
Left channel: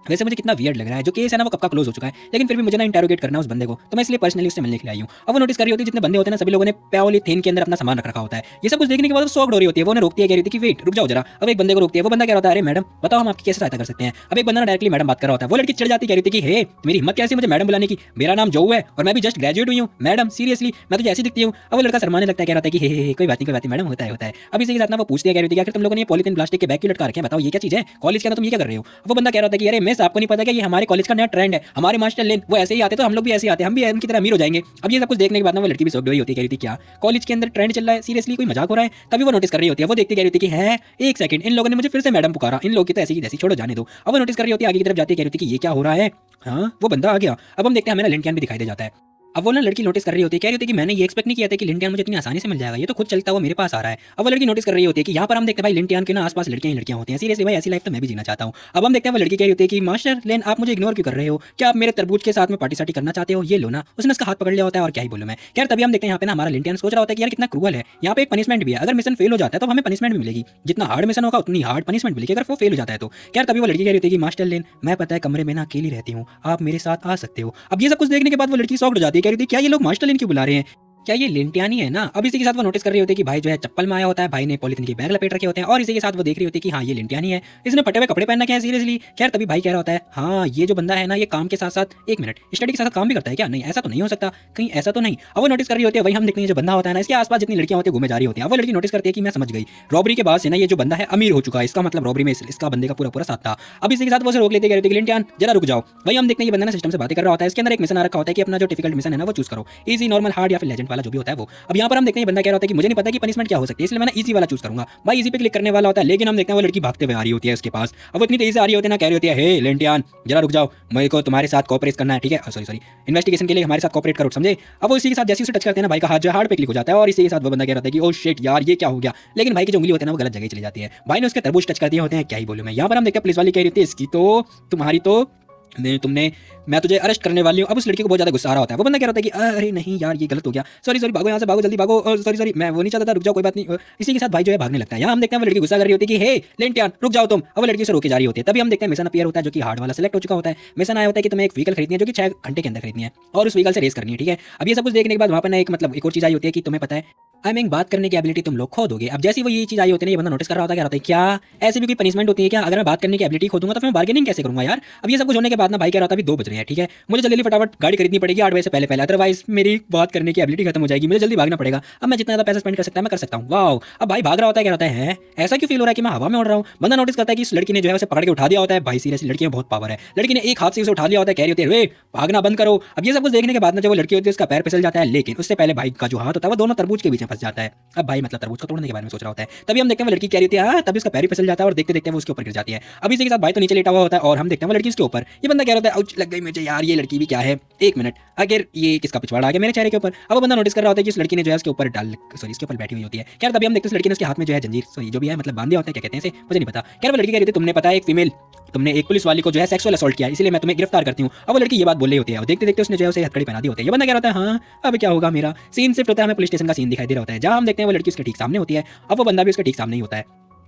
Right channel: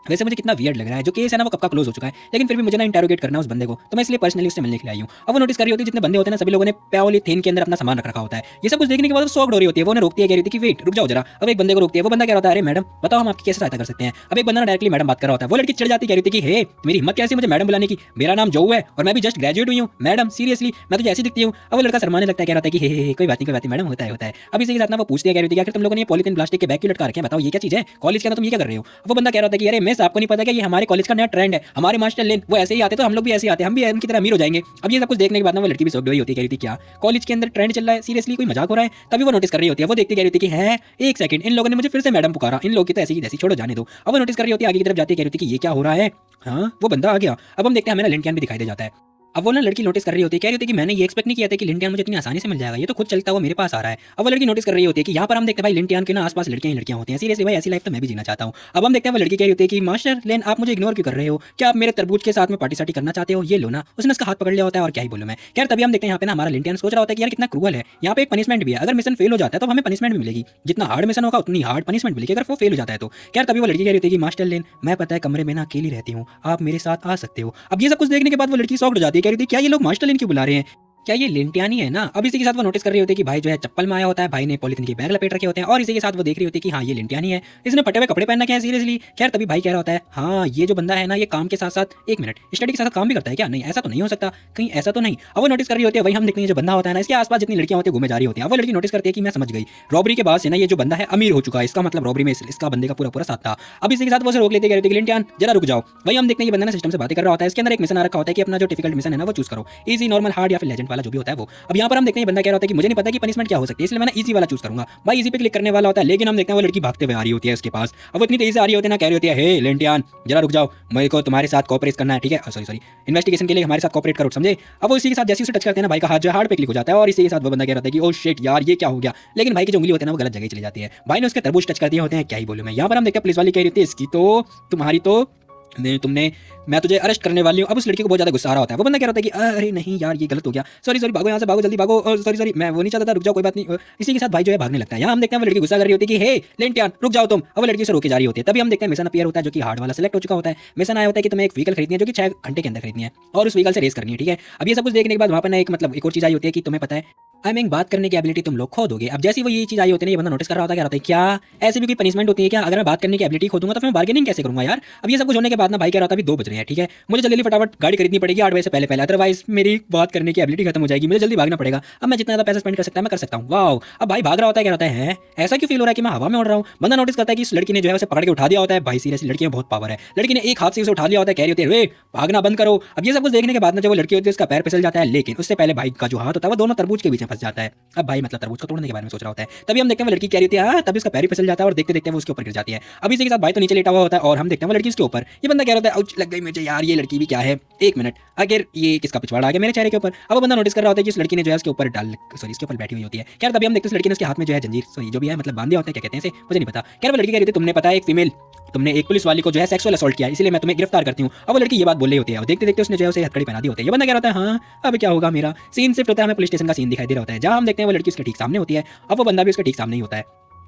वैसे मुझे कितना वियर्ड लग रहा है, जो केस है ना वो कब का क्लोज हो चुका है, लेकिन फिर भी मुझे ना इंटरोगेट करना उस बंदे को, तो मैं इसलिए पर्सनली उससे मिलने के लिए आई हूँ। अब वो नोटिस कर रही होती है जितने बंदे होते हैं ना सभी लोगों ने पॉलीथीन के अंदर अपना सामान रखा होता है। ये सब कुछ देखने के बाद शॉक्ड हो रही होती है, वो रोकती है, कह रही थी कि वेट रुक जाओ जरा। अब एक बंदे को रोकती है, वो बंदा क्या होता है अरे मैडम बताओ हम आपकी कैसे सहायता कर सकते हैं। अब एक बंदा डायरेक्टली मैडम बात कर रहा होता है, वो लड़की चिढ़ जाती, कह रही थी कि हे मेरी हिम्मत कैसे मुझे मैडम बुलाने की, मेरा नाम जो है और मैं भी जस्ट ग्रेजुएट हुई हूँ मैडम, सीरियसली मैं तो ऐसी दिखती हूँ। अब वो लड़का शर्माने लगता है, कह रहा था कि कोई बात नहीं मैडम होता है। अब इसी के साथ ना वो पूछते हैं, कह रही थी कि तुम लोगों ने पॉलीथीन प्लास्टिक के बैग क्यों लटका रखे हैं, बताओ ये क्या चीज है, कॉलेज के अंदर तुम ये क्या कर रहे हो। वो बंदा कह रहा था कि अरे मिस आपको नहीं पता कि ये हमारे कॉलेज का नया ट्रेंड है, हमारे मास्टर लेन वो ऐसे ही आते तो हम लोग भी ऐसे ही आते, हम भी इनकी तरह अमीर हो जाएंगे। अब ये सब कुछ देखने के बाद ना वो लड़की भी शॉक्ड हुई होती है, कह रही थी क्या कॉलेज के अंदर ट्रेंड चल रहा है, सीरियसली कोई मजाक हो रहा है। तभी वो नोटिस कर रही होती है, वो देखती कह रही थी कि है एक सेकंड इन लोगों ने मुझे फिर से मैडम पुकारा, इन लोगों की तो ऐसी ही जैसी छोड़ो जाने दो। अब वो नोटिस कर रही होती है, आगे की तरफ जाती है, कह रही थी कि ये क्या हो रहा है। हाँ वो बंदा आ गया। अब हम देखते हैं हमें लिंटियन भी दिखाई दे जाता है। अब वो ना लड़की नोटिस कर रही होती है, कह रही थी कि मैंने ये एक्सपेक्ट नहीं किया था कि लिंटियन मुझे इतनी आसानी से मिल जाएगा, ये तो खुद चलता हुआ मेरे पास आ रहा है। अब वो लड़की नोटिस कर रही होती है कि यहाँ पर हम देखते हैं भाई लिंटियन के ना आसपास लड़कियां ही लड़कियां होती हैं, सीरियसली भाई ऐसी लाइफ तो मैं भी जीना चाहता हूँ। अब हम देखते हैं वो लड़की कह रही होती है कि मास्टर लेन आप मुझे इग्नोर क्यों कर रहे हो, क्या आप मेरे तरबूज के साथ में पार्टिसिपेट करना चाहते हो, ये लो ना। उसने उसका हाथ पकड़ लिया होता है, और क्या ही बोलूं मैं। यार तभी हम देखते हैं यहाँ पे ना हमारा लिंटियन सोच रहा होता है कि यार कितना क्रूअल है, यहाँ पे एक पनिशमेंट भी है, अगर मिशन फेल हो जाता है तो हमें पनिशमेंट भी मिलेगी, जितना हार्ड मिशन होगा उतनी हार्ड पनिशमेंट मिलेगी अगर वो फेल हो जाता है तो। यार तभी वो लड़की कह रही होती है कि मास्टर लेन मैं पता है कमरे में ना अकेली रहती हूँ, आप मेरे साथ आ सकते हो। अब ये सब कुछ देखने के बाद वो लड़की शॉक्ड हो जाती है, कह रही थी क्या ये लोग मास्टर लेन क्यों बुला रहे हैं, क्या ये लिंटियानी है ना। अब इसी के साथ वो नोटिस कर रही होती है कि भाई जो है चप्पल में आया होता है, भाई ने पॉलिथीन के बैग लपेट रखे होते हैं, और इसी के साथ वो देख रही होती है कि हाँ ये लिंटियानी है, इसने फटे हुए कपड़े पहन रखे हैं सीरियसली। खैर तभी भाई कह रहा होता है हाँ ये जो बंदा है ना ये काम के साथ साथ एक मिनट स्टडी के साथ काम भी करता है क्या, नहीं ऐसा तो नहीं हो सकता, कहीं ऐसा तो नहीं। अब वो नोटिस कर रही होती है, वही हम देखते हैं जो बंदा होता है ना इसके आसपास जितनी लड़कियां होती है घूमे जा रही होती है। वो लड़की नोटिस करती है कि मैं समझ गई रॉबरी के बाद से ना ये जो बंदा है अमीर हो चुका है, इसका मतलब रॉबरी में इसका बंदे का पूरा पूरा साथ था। अब इसी के साथ वो रोक लेती है, लिंटियन जरा रुक जाओ। भाई हम देखते हैं ये बंदा ना सिस्टम से बातें कर रहा होता है, इसके अंदर एक मिशन आ रखा होता है कि अपना जो डिफिकल्ट मिशन है ना वो चूज करो, इजी नॉर्मल हार्ड या फिर लेजेंड वाला जो भी होता है वो। अब यहाँ पर हम देखते हैं बंदा कह रहा होता है कि मुझे नहीं पता कि पनिशमेंट क्या हो सकती है, इसलिए मैंने इजी वाला चूज करूंगा। भाई इजी पे क्लिक करने वाला होता है, लेकिन हम देखते हैं वो लड़की भागते हुए आ रही होती है उसके पास। अब इतनी तेजी से आ रही होती है ना, कह रही होती है हे लिंटियन जरा रुक जाओ, मेरे को तुम्हारे साथ कोऑपरेट करना है, ठीक है सॉरी इन्वेस्टिगेशन के लिए हमारे साथ कोऑपरेट करो समझे। अब वो इसी के साथ जैसे उसे टच करते हैं ना भाई का हाथ जो हार्ड पे क्लिक हो जाता है, और इसी के साथ वो बंदा कह रहा था कि ओ शिट यार ये क्या हो गया, लेकिन भाई की जो उंगली होती है ना वो गलत जगह चली जाती है, भाई ने उसके तरबूज टच कर दिए होते हैं। क्या ही बोलूं मैं। यहाँ पर हम देखते हैं पुलिस वाली कह रही थी इसकी तो तुम्हारी तो मैं तुझे अरेस्ट करने वाली हूँ। अब उस लड़के को बहुत ज्यादा गुस्सा आ रहा होता है। वो बंदा कह रहा था कि अरे नहीं यार ये गलत हो गया, सॉरी सॉरी, भागो यहाँ से, भागो जल्दी भागो, और सॉरी सॉरी मैं वो नहीं चाहता था, रुक जाओ कोई बात नहीं। इसी के साथ भाई जो है भागने लगता है। यहाँ हम देखते हैं वो लड़की गुस्सा कर रही होती है कि हे लेंटियान रुक जाओ तुम। अब वो लड़की से रोकी जा रही होती है। तभी हम देखते हैं मिशन अपीयर होता है जो कि हार्ड वाला सेलेक्ट हो चुका होता है। मिशन आया होता है कि तुम्हें एक व्हीकल खरीदनी है जो कि 6 घंटे के अंदर खरीदनी है और उस व्हीकल से रेस करनी है, ठीक है। अब ये सब कुछ देखने के बाद वहाँ पर ना एक मतलब एक और चीज आई होती है कि तुम्हें पता है आई मीन बात करने की एबिलिटी तुम लोग खो दोगे। अब जैसे वो ये चीज आई होती है ये बंदा नोटिस कर रहा होता है, क्या रहता है क्या ऐसी भी कोई पनिशमेंट होती है क्या? अगर मैं बात करने की एबिलिटी खो दूंगा तो फिर मैं बार्गेनिंग कैसे करूंगा यार? अब ये सब कुछ होने के बाद ना भाई कह रहा था अभी 2 बज रहे हैं, ठीक है, मुझे जल्दी फटाफट गाड़ी खरीदनी पड़ेगी 8 बजे से पहले, अदरवाइज मेरी बात करने की एबिलिटी खत्म हो जाएगी, मुझे जल्दी भागना पड़ेगा। अब मैं जितना ज्यादा पैसा स्पेंड कर सकता है मैं कर सकता हूँ। वाओ, अब भाई भाग रहा होता है, क्या रहता है ऐसा क्यों फील हो रहा है कि मैं हवा में उड़ रहा हूँ? बंदा नोटिस करता है कि इस लड़की ने जो है उसे पकड़ के उठा दिया होता है। भाई सीरियसली लड़की में बहुत पावर है। लड़की ने एक हाथ से उसे उठा लिया होता है, कह रही होती है भागना बंद करो। अब ये सब कुछ देखने के बाद ना जब वो लड़की होती है उसका पैर फिसल जाता है, लेकिन उससे पहले भाई का जो हाथ होता है वो दोनों तरबूज के बीच में फंस जाता है। अब भाई मतलब तरबूज को तोड़ने के बारे में सोच रहा होता है। तभी हम देखते हैं वो लड़की कह रही होती है हाँ, तभी उसका पैर फिसल जाता है और देखते देखते वो उसके ऊपर गिर जाती है। अब इसी के साथ भाई तो नीचे लेटा हुआ होता है और हम देखते हैं वो लड़की उसके ऊपर। ये बंदा कह रहा है लग गई मुझे यार, ये लड़की भी क्या है, 1 मिनट, अगर ये किसका पिछवाड़ा आ गया मेरे चेहरे के ऊपर। अब वो बंदा नोटिस कर रहा होता है कि इस लड़की ने जो है उसके ऊपर इसके ऊपर बैठी हुई होती है। क्या तभी हम देखते हैं उस लड़की ने उसके हाथ में जो है जंजीर सॉरी जो भी है मतलब बांधे होते हैं, क्या कहते हैं इसे मुझे नहीं पता। क्या वो लड़की कह रही थी तुमने पता है तुमने एक पुलिस वाली को जो है सेक्सुअल असोल्ट किया, इसलिए मैं तुम्हें गिरफ्तार करती हूँ। अब वो लड़की ये बात बोल रही होती है और देखते देखते उसने जो है उसे हथकड़ी पहना दी होती है। ये बंदा कह रहा है हाँ अब क्या होगा मेरा सीन सिर्फ होता है, हमें पुलिस स्टेशन का सीन दिखाई दे रहा होता है जहाँ हम देखते हैं वो लड़की उसके ठीक सामने होती है। अब वो बंदा भी उसके ठीक सामने ही होता है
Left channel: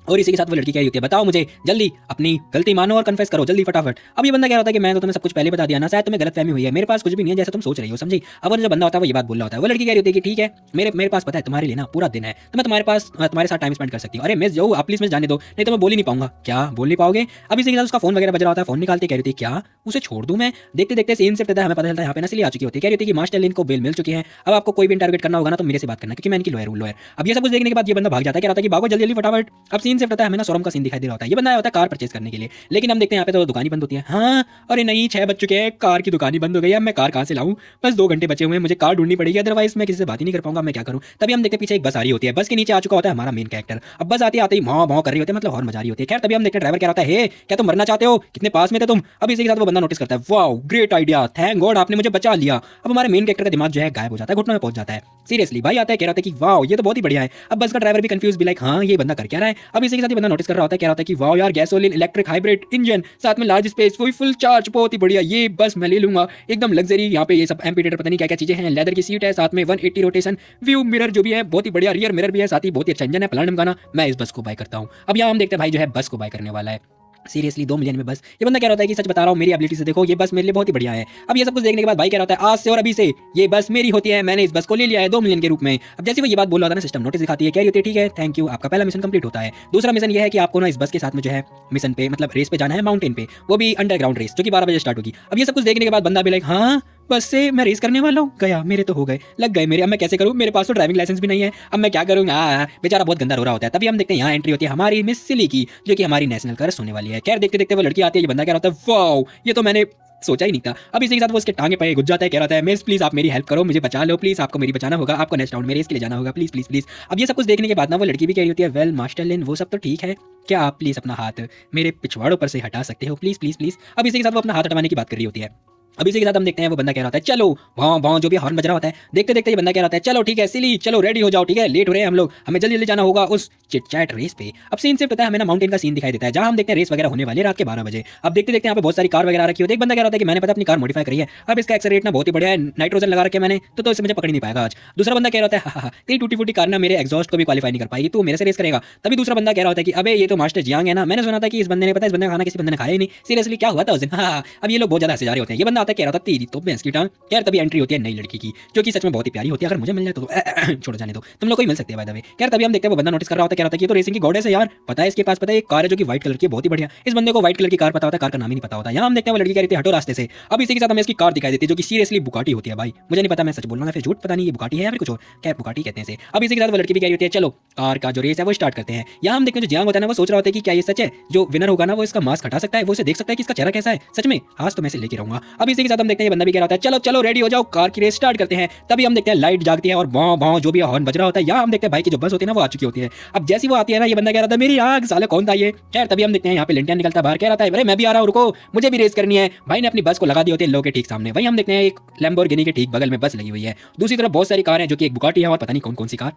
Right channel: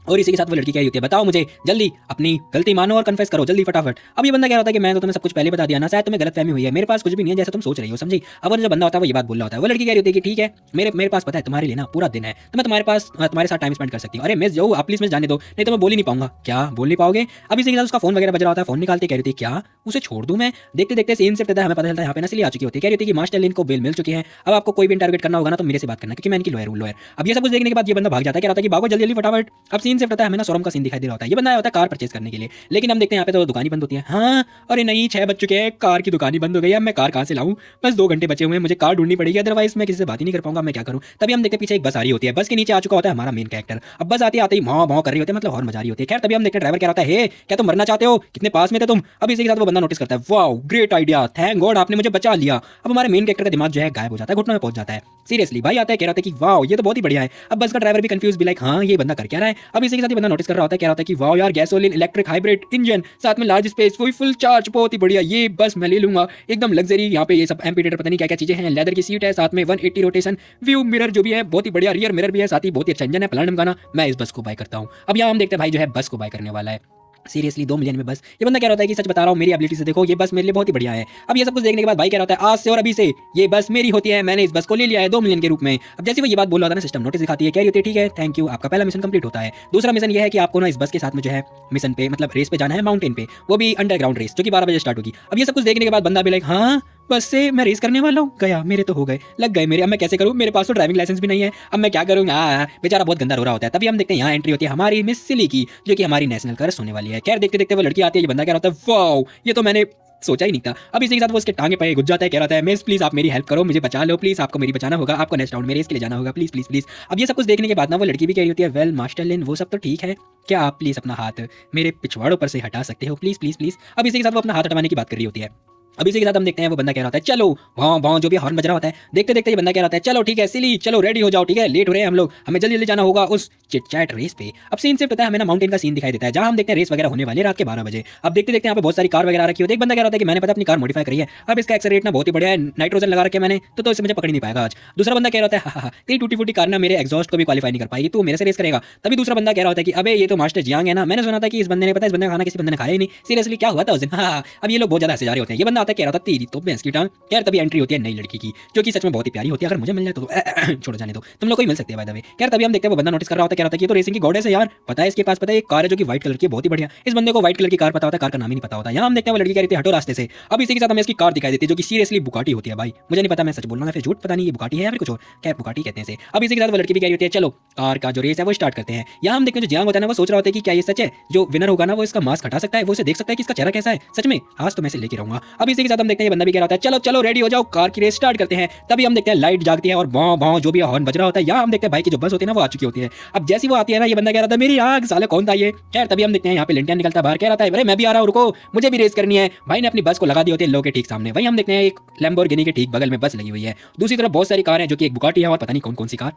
और इसी के साथ वो लड़की क्या होती है बताओ मुझे जल्दी, अपनी गलती मानो और कन्फेस करो जल्दी फटाफट। अब ये बंदा क्या होता है कि मैं तो तुम्हें सब कुछ पहले बता दिया ना, शायद तुम्हें गलतफहमी हुई है, मेरे पास कुछ भी नहीं है जैसे तुम सोच रही हो, समझी। अब जो बंदा होता है वो ये बात बोल रहा होता है। वो लड़की कह रही होती है कि ठीक है मेरे पास पता है तुम्हारे लिए ना पूरा दिन है, तो मैं तुम्हारे पास तुम्हारे साथ टाइम स्पेंड कर सकती हूँ। अरे मिस जाओ आप प्लीज मिस जाने दो, नहीं तो मैं बोल ही नहीं पाऊंगा। क्या बोल नहीं पाओगे? अब इसी के साथ उसका फोन वगैरह बज रहा होता है, फोन निकालते कह रही थी क्या उसे छोड़ दूं मैं। देखते देखते सेम से पता है हमें पता चलता है यहाँ पे नस्ली आ चुकी होती है। कह रही थी कि मास्टर लिन को बेल मिल चुकी है, अब आपको कोई भी टारगेट करना होगा ना तो मेरे से बात करना क्योंकि मैं इनकी लॉयर हूँ। अब ये सब कुछ देखने के बाद ये बंदा भाग जाता है, कह रहा था कि भागो जल्दी जल्दी फटाफट। अब सीन से पता है हमें ना शोरूम का सीन दिखाई दे रहा होता है। ये बंदा होता है कार परचेज करने के लिए, लेकिन हम देखते हैं यहाँ पे तो दुकान ही बंद होती है। हाँ अरे नहीं 6 बज चुके हैं, कार की दुकान ही बंद हो गई है, मैं कार कहाँ से लाऊं? बस 2 घंटे बचे हुए हैं, मुझे कार ढूंढनी पड़ेगी अदरवाइज मैं किसी से बात ही नहीं कर पाऊंगा, मैं क्या करूं। तभी हम देखते हैं पीछे एक बस आ रही होती है, बस के नीचे आ चुका होता है हमारा मेन कैरेक्टर। अब बस आते ही भाव भाव कर रही होती है, मतलब हॉर्न बजा रही होती है। खैर तभी हम देखते हैं ड्राइवर क्या होता है क्या तुम मरना चाहते हो, कितने पास में थे तुम। अब इसी के साथ वो बंदा नोटिस करता है wow great idea, thank God आपने मुझे बचा लिया। अब हमारे मेन कैरेक्टर का दिमाग जो है गायब हो जाता है, घुटनों में पहुंच जाता है। सीरियसली भाई आता है कह रहा था कि वाओ ये तो बहुत ही बढ़िया है। अब बस का ड्राइवर भी कंफ्यूज भी लाइक हाँ ये बंदा कर क्या रहा है। अब इसी के साथ ये बंदा नोटिस कर रहा होता है, कह रहा था कि वाओ यार गैसोलीन इलेक्ट्रिक हाइब्रिड इंजन साथ में लार्ज स्पेस फुल चार्ज, बहुत ही बढ़िया, ये बस मैं ले लूंगा एकदम लग्जरी। यहाँ पे ये सब एम्पीटेटर पता नहीं क्या क्या चीजें हैं, लेदर की सीट है, साथ में 180 रोटेशन व्यू मिरर जो भी है बहुत ही बढ़िया, रियर मिरर भी है, साथ ही बहुत ही अच्छा इंजन है, प्लाटिनम गाना। मैं इस बस को बाय करता हूँ। अब यहाँ हम देखते हैं भाई जो है बस को बाय करने वाला है सीरियसली 2 मिलियन में बस। ये बंदा कह रहा था कि सच बता रहा हूँ मेरी एबिलिटी से देखो ये बस मेरे लिए बहुत ही बढ़िया है। अब ये सब कुछ देखने के बाद भाई कह रहा है आज से और अभी से ये बस मेरी होती है, मैंने इस बस को ले लिया है 2 मिलियन के रूप में। अब जैसे वो ये बात बोल रहा था ना सिस्टम नोटिस दिखाती है, कह रही होती है ठीक है थैंक यू आपका पहला मिशन कंप्लीट होता है। दूसरा मिशन ये है कि आपको ना इस बस के साथ में जो है मिशन पे मतलब रेस पे जाना है माउंटेन पे, वो भी अंडरग्राउंड रेस जो कि 12 बजे स्टार्ट होगी। अब ये सब कुछ देखने के बाद बंदा भी लाइक हाँ बस से मैं रेस करने वाला हूँ, गया मेरे तो हो गए लग गए मेरे, अब मैं कैसे करूँ, मेरे पास तो ड्राइविंग लाइसेंस भी नहीं है, अब मैं क्या करूँ। हाँ बेचारा बहुत गंदा रो रहा होता है। तभी हम देखते हैं यहाँ एंट्री होती है हमारी मिस सिली की जो कि हमारी नेशनल क्रश होने वाली है। क्या देखते देखते वो लड़की आती है, ये बंदा क्या होता है वाओ ये तो मैंने सोचा ही नहीं था। अब इसी के साथ वो उसके टांगे पे घुस जाता है, कह रहा है मिस प्लीज आप मेरी हेल्प करो, मुझे बचा लो प्लीज, आपको मेरी बचाना होगा, आपको नेक्स्ट राउंड में रेस के लिए जाना होगा प्लीज प्लीज प्लीज। अब ये सब कुछ देखने के बाद ना वो लड़की भी कह रही होती है वेल मास्टर लिन वो सब तो ठीक है, क्या आप प्लीज अपना हाथ मेरे पिछवाड़ों पर से हटा सकते हो प्लीज प्लीज प्लीज। अब इसी के साथ वो अपना हाथ हटवाने की बात कर रही होती है। अब इसी के साथ हम देखते हैं वो बंदा कह रहा होता है चलो भाव भाव जो भी हॉर्न बज रहा होता है। देखते देखते ये बंदा कह रहा होता है चलो ठीक है सिली चलो रेडी हो जाओ, ठीक है लेट हो रहे हैं हम लोग, हमें जल्दी जल्दी जाना होगा उस चिट रेस पे। अब सीन से पता है हमें ना माउंटेन का सीन दिखाई देता है जहां हम देखते हैं रेस वगैरह होने वाली है रात के 12 बजे। अब देखते देखते यहाँ पे बहुत सारी कार वगैरह रखी होती है। एक बंदा कह रहा था कि मैंने पता अपनी कार मॉडिफाई करी है, अब इसका एक्सेलरेट ना बहुत ही बढ़िया है, नाइट्रोजन लगा रखे मैंने तो इसे मुझे पकड़ नहीं पाएगा आज। दूसरा बंदा कह रहा था हाँ तेरी टूटी फूटी कार ना मेरे एग्जॉस्ट को भी क्वालीफाई नहीं कर पाएगी, तू मेरे से रेस करेगा। तभी दूसरा बंदा कह रहा होता है कि अबे ये तो मास्टर जियांग है ना, मैंने सुना था कि इस बंदे ने पता इस बंदे का खाना किसी बंदे ने खाया ही नहीं, सीरियसली क्या हुआ था उसे। अब ये लोग बहुत ज्यादा ऐसे जा रहे होते हैं। ये बंदा आता है कह रहा था तेरी तो भैंस की टांग। यार तभी एंट्री होती है नई लड़की की जो कि सच में बहुत ही प्यारी होती है, अगर मुझे मिलना है तो छोड़ जाने दो, तुम लोग को ही मिल सकते हैं बाय द वे। यार तभी हम देखते हैं वो बंदा नोटिस कर रहा होता है, कह रहा था कि ये तो रेसिंग की गॉडेस है यार, पता है इसके पास पता है एक कार है जो कि व्हाइट कलर की है बहुत ही बढ़िया। इस बंदे को व्हाइट कलर की कार पता होता है, कार का नाम ही नहीं पता होता। यहाँ हम देखते हैं वो लड़की कह रही थी हटो रास्ते से। अब इसी के साथ हमें इसकी कार दिखाई देती है जो कि सीरियसली बुगाटी होती है। भाई मुझे नहीं पता मैं सच बोल रहा हूँ फिर झूठ, पता नहीं ये बुगाटी है या फिर कुछ और, क्या बुगाटी कहते हैं। अब इसी के साथ वो लड़की भी कह रही होती है चलो कार का जो रेस है वो स्टार्ट करते हैं। यहाँ हम देखते हैं जियांग होता है ना वो सोच रहा होता है कि क्या ये सच है, जो विनर होगा ना वो इसका मास्क हटा सकता है, वो उसे देख सकता है कि इसका चेहरा कैसा है, सच में आज तो मैं इसे लेके रहूंगा। अब इसी के साथ हम देखते हैं बंदा भी कह रहा है चलो चलो रेडी हो जाओ कार की रेस स्टार्ट करते हैं। तभी हम देखते हैं लाइट जागती है और भौं भौं जो भी हॉर्न बज रहा होता है। यहाँ हम देखते हैं भाई की जो बस होती है ना वो आ चुकी होती है। अब जैसी वो आती है ना ये बंदा कह रहा था मेरी आग साले कौन था ये। खैर तभी हम देखते हैं यहाँ पे लिंटन निकलता है बाहर, कह रहा था मैं भी आ रहा हूँ रुको मुझे भी रेस करनी है। भाई ने अपनी बस को लगा दी होती है लोगों के ठीक सामने। वही हम देखते हैं एक लैम्बोर्गिनी के ठीक बगल में बस लगी हुई है, दूसरी तरफ बहुत सारी कार है जो कि एक बुगाटी है और पता नहीं कौन कौन सी कार।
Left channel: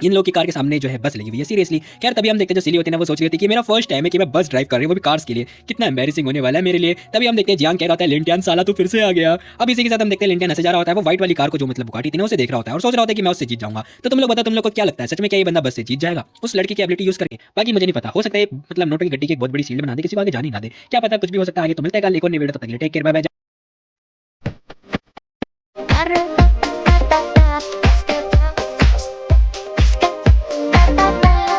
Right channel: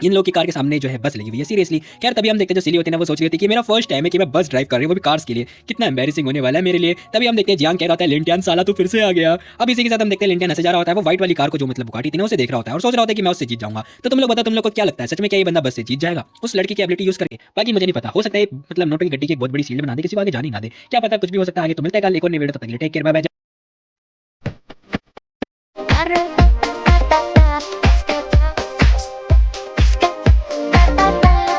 इन लोगों की कार के सामने जो है बस लगी हुई है सीरियसली। खैर तभी हम देखते हैं जो सिली होते हैं ना वो सोच रहे थे कि मेरा फर्स्ट टाइम है कि मैं बस ड्राइव कर रही हूँ वो भी कार्स के लिए, कितना एम्बैरेसिंग होने वाला है मेरे लिए। तभी हम देखते हैं जियांग कह रहा होता है लिंटियन साला तू फिर से आ गया। अब इसी के साथ हम देखते हैं लिंटियन ऐसे जा रहा होता है वो व्हाइट वाली कार को जो मतलब बुगाटी थी ना उसे देख रहा होता है और सोच रहा होता है कि मैं उससे जीत जाऊंगा। तो तुम लोग बताओ तुम लोग को क्या लगता है सच में क्या ये बंदा बस से जीत जाएगा उस लड़की की एबिलिटी यूज करके? बाकी मुझे नहीं पता, हो सकता है मतलब नोटों की गड्डी की एक बहुत बड़ी सीट बना दे, किसी को आगे जाने ना दे, क्या पता कुछ भी हो सकता है। आगे तो मिलते हैं कल एक और नई वीडियो, तब तक टेक केयर, बाय बाय।